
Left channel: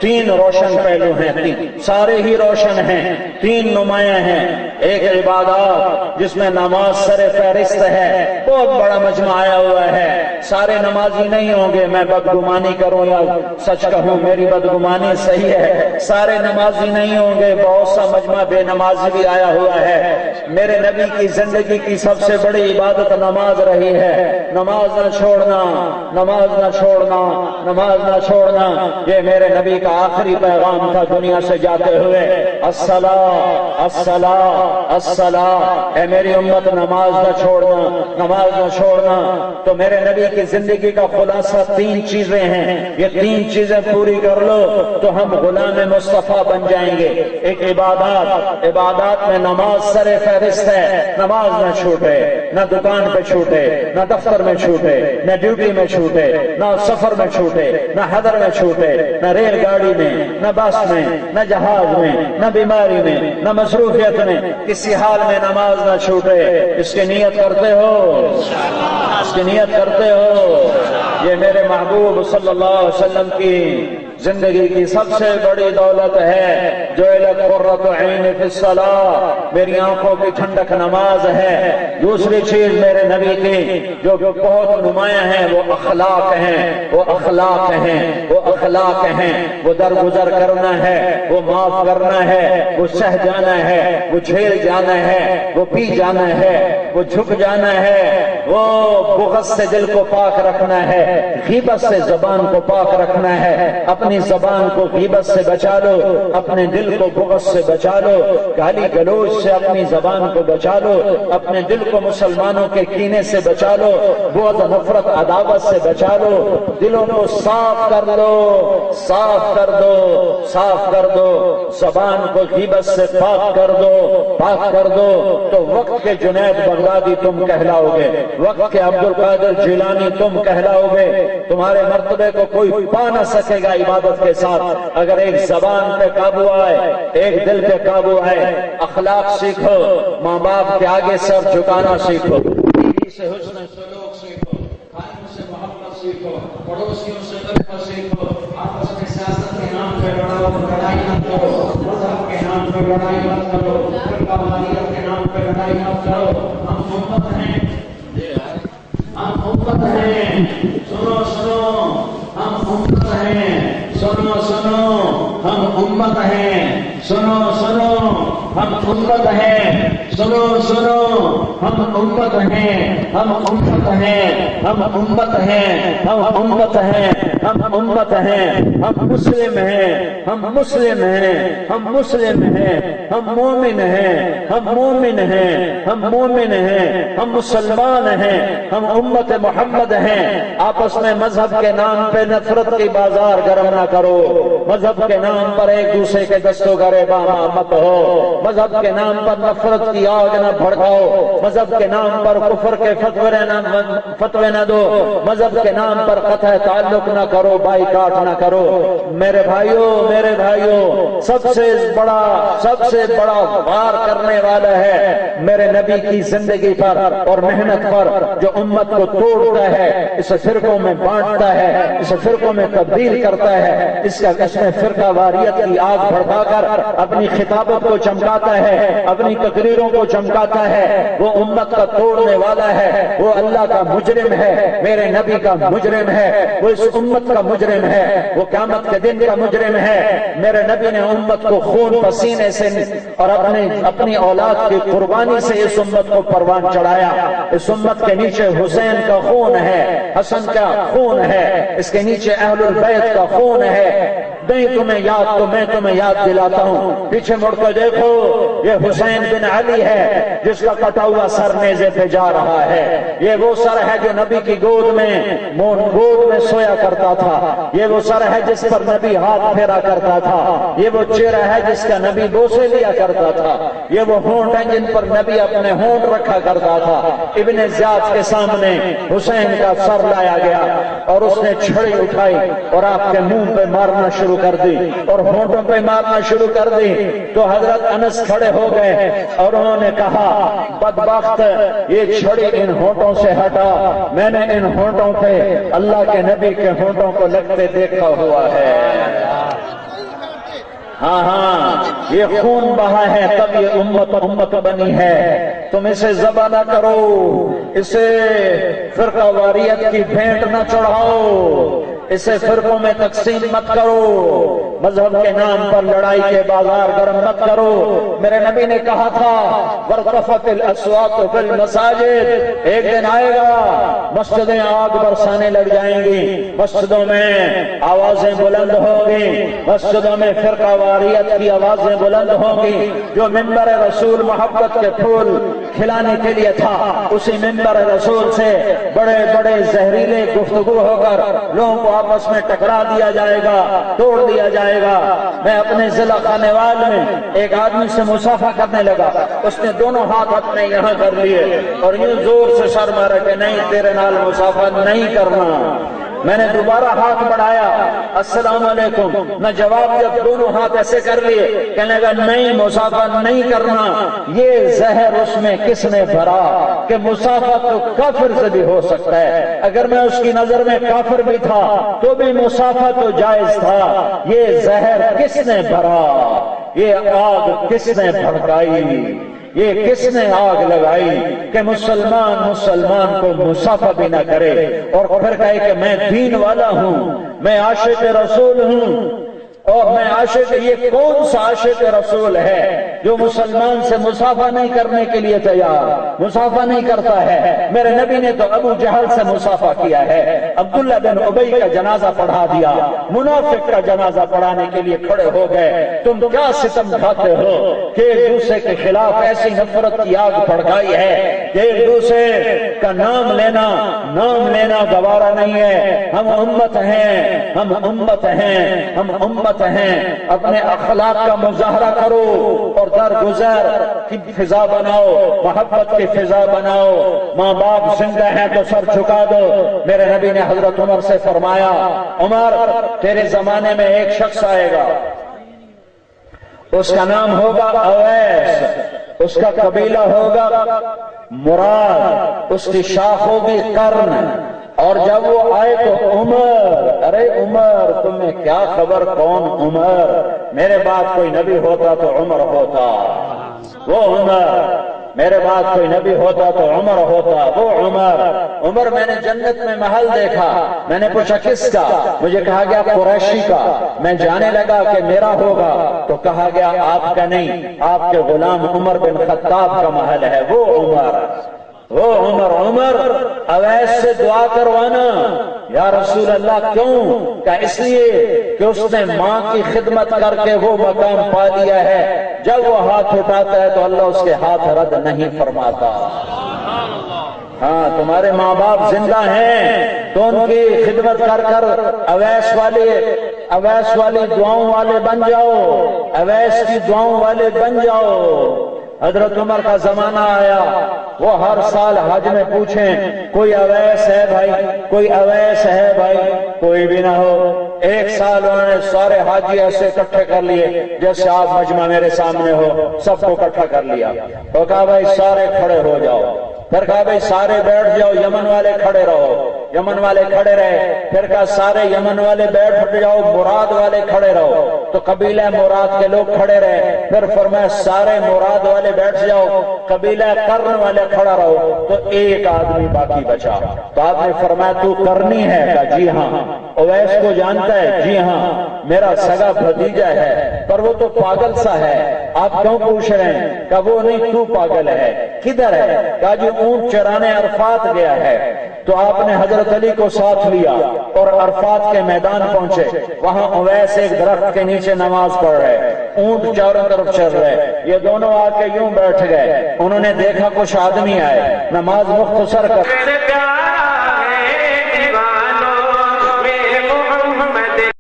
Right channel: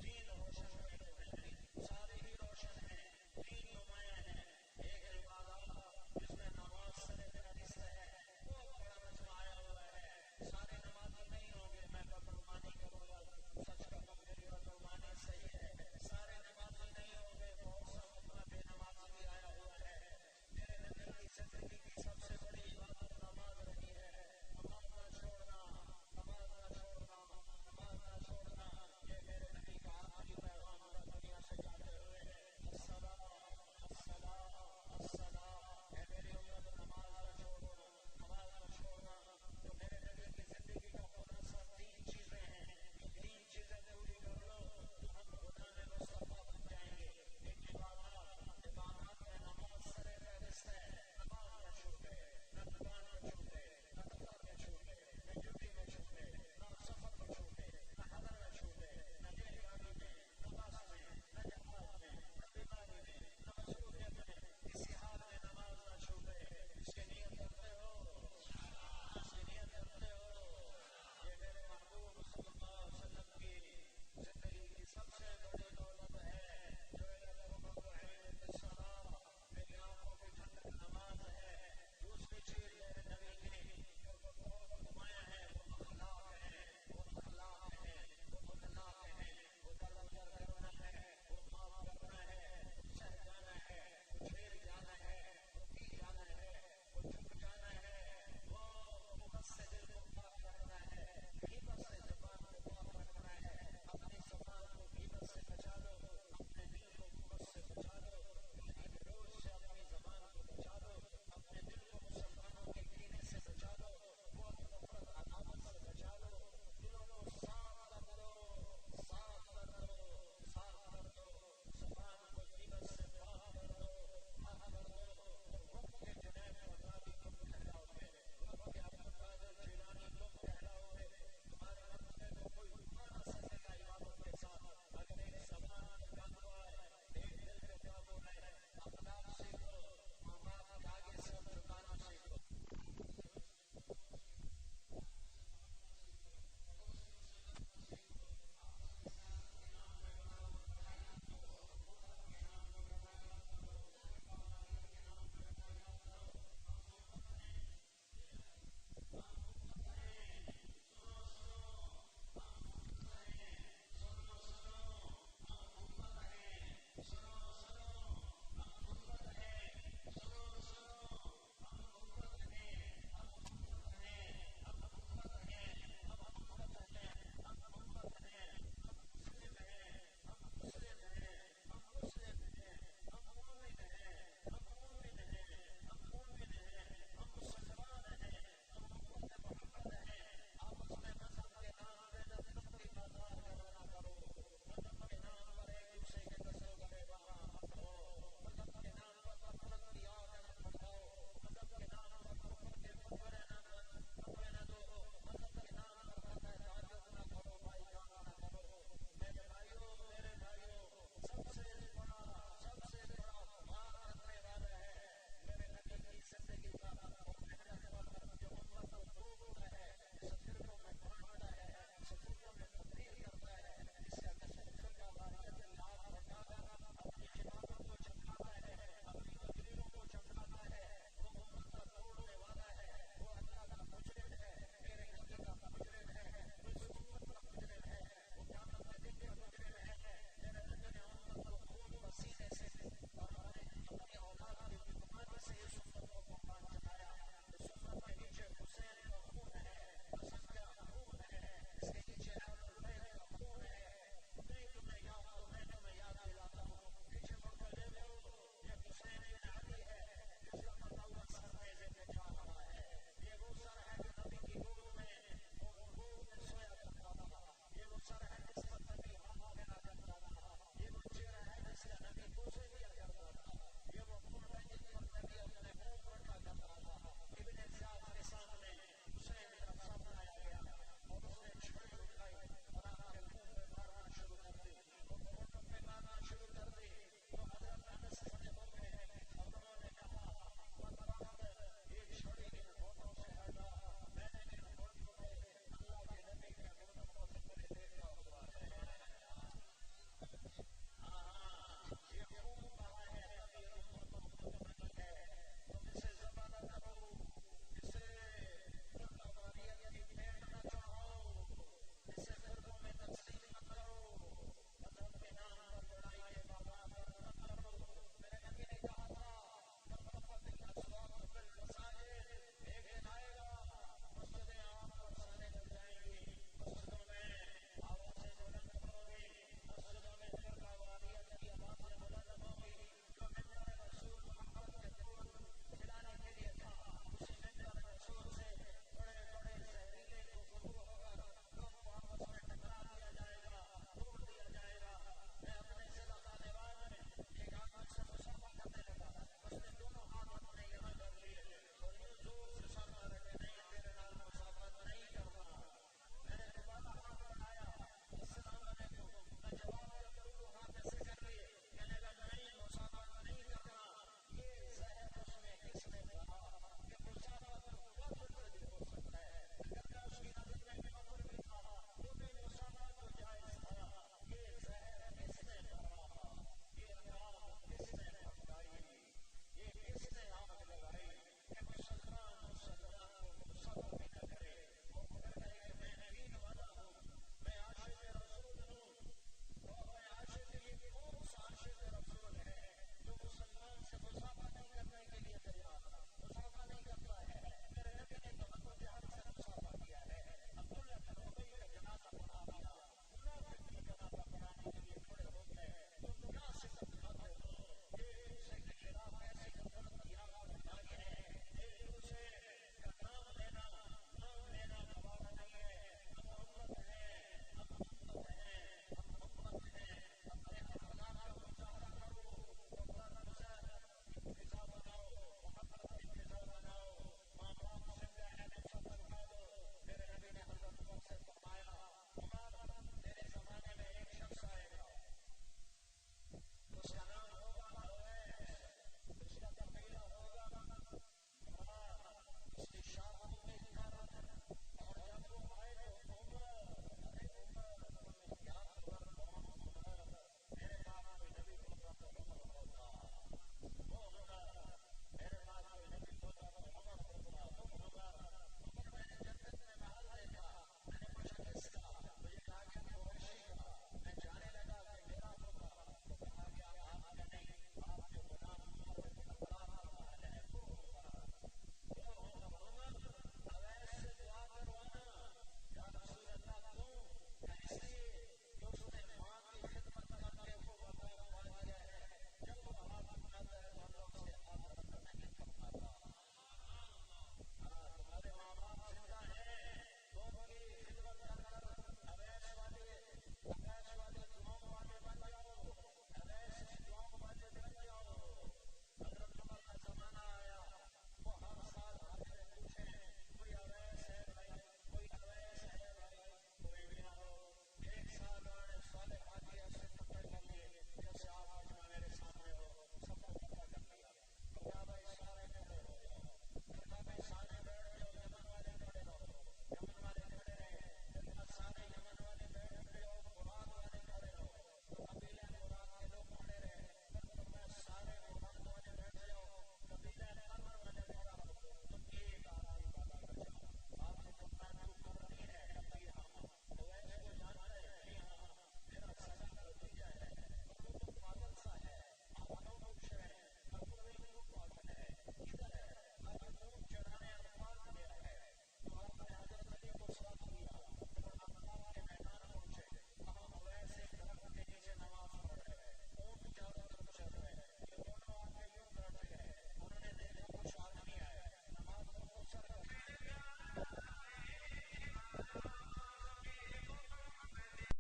3 روشن پہلو ہیں، 3 سارے ہی روشن ہیں، 3 نمایاں ہیں۔ ایک عبادات جس میں نماز سر فہرست ہے، بہت بڑا مجمع آیا ہوا ہے، سارے نمازی نہیں ہوں گے، میں بدگمانی کروں یا سچ کہوں میری بدگمانی صحیح ہے، سارے نمازی نہیں ہوں گے، بہت سا مجمع بے نمازی بھی آیا ہوا ہے۔ میرے نبی کی زندگی کی سب سے بڑی عبادت نماز رہی ہے۔ نماز نہ چھوڑنا، نماز نہ چھوڑنا، نماز نہ چھوڑنا، یہ میرے نبی کا آخری پیغام تھا دنیا سے جاتے ہوئے، الصلاۃ الصلاۃ الصلاۃ، اے میری امت نماز نہ چھوڑنا، نماز نہ چھوڑنا۔ تو میرے نبی کی زندگی کا خلاصہ 3 چیزیں ہیں، یہ 3 چیزیں پوری کر لو تو ہم غلام مصطفیٰ بن جائیں گے۔ ایک عبادات میں نماز سر فہرست ہے، نماز نہ چھوٹے، نہ دکان پہ چھوٹے، نہ دفتر میں چھوٹے، نہ ڈیوٹی میں چھوٹے، نہ سفر میں چھوٹے، نہ حضر میں چھوٹے، نہ ریل گاڑی میں، نہ بس میں، نہ جہاز میں، نہ بیماری میں، نہ مصروفیت میں، کسی حال میں نماز نہ چھوٹے۔ اس کی نیت کرتے ہو؟ اس کی نیت کرتے ہو؟ یہ میرے محبوب صلی اللہ علیہ وسلم کی زندگی کی سب سے بڑی دولت ہے، جو قرۃ عین فی الصلاۃ، میری آنکھوں کی ٹھنڈک نماز ہے۔ دوسری چیز میرے نبی کی جو بہت نمایاں ہے وہ اخلاق ہیں، وہ اخلاق ہیں، وہ اخلاق ہیں۔ وہ درگزر کرنا ہے، وہ معاف کرنا ہے، وہ سہ جانا ہے، وہ جھیل جانا ہے، وہ پی جانا ہے، وہ جھک جانا ہے، وہ بغض سے دل کو پاک رکھنا ہے، غیبت سے زبان کو پاک رکھنا ہے۔ اپنی زبان کو غیبت سے بچا لو، اپنے دل کو بغض سے بچا لو، گالی گلوچ سے اپنی زبان کو بچا لو، اپنے دل کو مسلمانوں کے کینے سے بچا لو، بغض نفرت عداوت سے بچا لو، دلوں کو صاف کر لو، صاف کر دو، صاف کر دو، زبان کو غیبت سے پاک کر دو، پاک کر دو، تو وقت کے جنید بغدادی تم کہلاؤ گے، وقت کے عبد القادر جیلانی تم کہلاؤ گے۔ تمہارے مرتبے کو کوئی پا نہ سکے گا عبادت کے ساتھ اگر ایک زبان پہ قابو آئے، ایک دل پہ قابو آئے۔ اخلاق سیکھو، ماں باپ کے آگے سر جھکانا سیکھو، بیوی سے حسن سلوک سیکھو، خادم سے محبت سیکھو، پڑوسیوں سے رحمت سیکھو، آپس میں سیاست کے نام پہ لڑائی نہ کرو، مذہب کے نام پہ لڑائی مت کرو، فرقہ واریت کے نام پہ لڑائی مت کرو۔ ہم امت ہیں، ہم امت ہیں، سنو سنو، ہم امت ہیں، سنو سنو، ہم امت ہیں، سنو سنو، ہم امت ہیں، سنو سنو، ہم امت ہیں، ہم امت ہیں، ہم امت ہیں، ہم امت ہیں، ہم امت ہیں، ہم مسلم ہیں، ہم مسلم ہیں، ہم مسلم ہیں، ہم مومن ہیں، ہم مومن ہیں، ہم مومن ہیں، ہم مسلمان ہیں، ہم امت محمد ہیں۔ آپس میں مذہب کے نام پہ نفرت کی بازار گرم نہ کرو، مذہب کے نام پر ایک دوسرے کے دستوں گریباں مت ہو، مذہب کے نام پر نفرت کی آگ نہ بھڑکاؤ، مذہب کے نام پر کفر کے فتوے نہ دو، مذہب کے نام پر قطع تعلق نہ کرو، بائیکاٹ نہ کرو۔ میرے بھائیوں، سب سے بڑا وار کرنے والا ہے میرے نبی کی زندگی پر اور محنت پر، جو امت کو توڑتا ہے، اسے فرقوں میں بانٹتا ہے، اسے فرقوں میں تبدیل کرتا ہے، اس میں فرقہ واریت کی آگ بھڑکا کر اپنی خطابت کو چمکاتا ہے، اپنی تقریروں کو چمکاتا ہے، وہ امت کا توڑنے والا ہے، وہ اللہ کا مجرم ہے، میرے نبی کا مجرم ہے، وہ اس امت کا مجرم ہے، وہ قیامت کے دن کا مجرم ہے۔ میرے نبی نے امت کو خون پسینے سے اور اپنی اولاد کی قربانی سے اس امت کو پروان چڑھایا۔ اس امت کے نیچے حسین کا خون ہے، حسن کا خون ہے، اس کے نیچے اہل البیت کا خون ہے۔ نہیں تمہیں یاد تو میں تمہیں یاد دلاتا ہوں، پیچھے مڑ کر دیکھو، یہ حسین بن علی ہے جس کا کٹا ہوا سر نیزے پہ جا رہا ہے۔ یہ وہ سر ہے جو نبی کی گود میں سویا کرتا تھا، یہ وہ سر ہے جس پر نبی ہاتھ پھیرا کرتا تھا، یہ وہ چہرہ ہے جس کا نبی بوسے لیا کرتا تھا، یہ وہ ہونٹ ہیں جن پر نبی اپنے ہونٹ رکھا کرتا تھا۔ ابن زیاد کے سامنے حسین کا سر لایا گیا اور اس نے چھڑی اٹھائی اور آپ کے منہ پہ مارنا شروع کر دی اور ہونٹوں پہ مارنا شروع کر دی، تو حضرت انس کھڑے ہو گئے اور انہوں نے کہا، بدبخت، یہ چھڑی ان ہونٹوں سے ہٹا، میں نے ان ہونٹوں پہ اللہ کے نبی کے ہونٹوں کو لگتے دیکھا ہوا ہے۔ ہاں، یہ خون بہا ہے تب یہ امت بنی ہے، تم اسے ذبح نہ کرو، اسے فرقہ واریت کی بھینٹ نہ چڑھاؤ، اسے فرقوں میں تقسیم مت کرو، مذہب کے نام پر لڑائی کے بازار گرم مت کرو۔ میرے نبی نے کہا تھا وَارْتَفَتِ الْأَصْوَاتُ فِي الْمَسَاجِدِ، ایک دن آئے گا مسجدیں آگ برسانے لگ جائیں گی، مسجدوں میں آوازیں بلند ہوں گی، مسجدوں میں فرقہ واریت کی آوازیں بلند ہوں گی۔ جو ممبر رسول محبت کے پھول کھلانے کے لیے تھا، اسی ممبر رسول سے بڑے بڑے زہریلے گفتگو ہو کر لوگوں کو آپس میں ٹکرا دیا جائے گا، توڑ دیا جائے گا۔ میں اپنے ضلع خانیوال میں ایک آدمی سے مصافحہ کرنے لگا، اس نے دونوں ہاتھ اپنے یہاں کر لیے اور یوں زور سے سر مارا کہ نہیں تیرے نال مصافحہ نہیں کرنا۔ میں نے دوبارہ ہاتھ بڑھایا، السلام علیکم، نہ جواب جب دونوں ہاتھ ایسے کر لیے، کہنے لگا نہیں مصافحہ نہیں کرنا۔ یہ زہر اس میں کس نے بھرا کہ مصافحہ تو کافر سے بھی ہو سکتا ہے، اگر میں اس کی نظر میں کافر بھی تھا تو بھی مصافحہ تو جائز تھا۔ یہ زہر کس نے بھرا، یہ آگ کس نے بھڑکائی، یہ کس نے آگ لگائی کہ مسلمان کو مصافحہ بھی نہ کرے اور پھر کہے کہ میں دین والا ہوں، میں عاشق رسول ہوں۔ اور میں عاشق، یہ کون سا عاشق رسول ہے جو مسلمان سے مصافحہ نہیں کرنے کے لیے تیار، مصافحہ نہیں کرتا ہے؟ میرے نبی نے تو ابو جہل سے مصافحہ کیا ہے، عبداللہ بن ابی کا جنازہ پڑھا دیا، منافق کا جنازہ پڑھانے کے لیے کھڑے ہو گئے۔ تم کیا ستم کھاتے ہو کہ ایک دوسرے کے خلاف ایسی نفرت کی آگ بھڑکائی ہے کہ ایک دوسرے کا نام لینا گوارا نہیں ہے۔ ہم امت ہیں، ہم امت ہیں، ہم امت ہیں۔ اپنے اخلاق کا مظاہرہ کرو اور درگزر کی فضا بناؤ، محبت کی فضا بناؤ۔ ماں باپ زندہ ہیں تو سر جھکا دو۔ میرے نبی نے حضرت عمر سے فرمایا عمر تیرے زمانے میں ایک شخص آئے گا، اس کا نام ہوگا اویس، اس کا قبیلہ ہوگا مراد، اس کی شاخ ہوگی قرن، اور جب وہ آئے تو عمر، ارے عمر تمہیں کیا خبر کون عمر، میرے بعد کوئی نبی ہوتا تو عمر ہوتا، وہ عمر، میرے بعد کوئی نبی ہوتا تو عمر ہوتا، وہ عمر میں نے جنت میں محل دیکھا، میں نے پوچھا کس کا، مجھے کہا گیا قریشی کا، میں جانے لگا کہ میرا ہوگا تو کہا گیا آپ کا نہیں، آپ کے غلام عمر بن خطاب کا محل ہے، وہ عمر اویس سے دعا کروانا۔ یا رسول اللہ کیوں؟ کہ اس لیے کہ اس نے ماں کی خدمت کر کے وہ مقام پا لیا ہے، جب وہ ہاتھ اٹھاتا ہے تو اللہ اس کے ہاتھ رد نہیں فرماتا۔ ہاں تمہارے ماں باپ زندہ ہیں تو ان کی خدمت کر کر اویس والی دعاؤں والے بن جاؤ، اویس کی دعاؤں والے بن جاؤ۔ حضرت عمر کا زمانہ آیا، وہ ہر سال حج میں پوچھیں کوئی اویس ہے بھائی، کوئی اویس ہے بھائی، کوئی بھی نہ ہو۔ ایک سال انہوں نے سارے حاجی ایسے اکٹھے کر لیے جیسے آپ مجمع میرے سامنے ہو، سب کو اکٹھا کر لیا، تو کہا بھائی سارے کھڑے ہو جاؤ، پھر کہا بھائی سارے بیٹھ جاؤ، یمن والے کھڑے رہو، یمن والے کھڑے رہے، پھر کہا سارے یمن والے بیٹھ جاؤ، مراد والے کھڑے رہو، تو قبیلہ مراد کے لوگ کھڑے رہے، پھر فرمایا سارے مراد والے بیٹھ جاؤ، قبیلہ قرن والے کھڑا رہو، تو ایک آدمی باقی بچا، تو آپ نے فرمایا تو کرنی ہے؟ کہا جی ہاں۔ اویس کو جانتا ہے؟ جی ہاں، میرا سگا بھتیجا ہے، پر وہ تو پاگل سا ہے، آپ کیوں پوچھ رہے ہیں؟ کہا وہ نہیں تو پاگل ہے، کدھر ہے؟ کہا جو اونٹ چرانے عرفات گیا ہے، تو آپ نے حضرت علی کو ساتھ لیا اور عرفات کے میدان پہنچے، وہاں اویس ایک درخت کے نیچے نماز پڑھ رہے، اونٹ چاروں طرف چل رہے، یہ دونوں آ کے یوں بیٹھ گئے، انہوں نے دیکھا کچھ آدمی آئے، نماز مختصر کر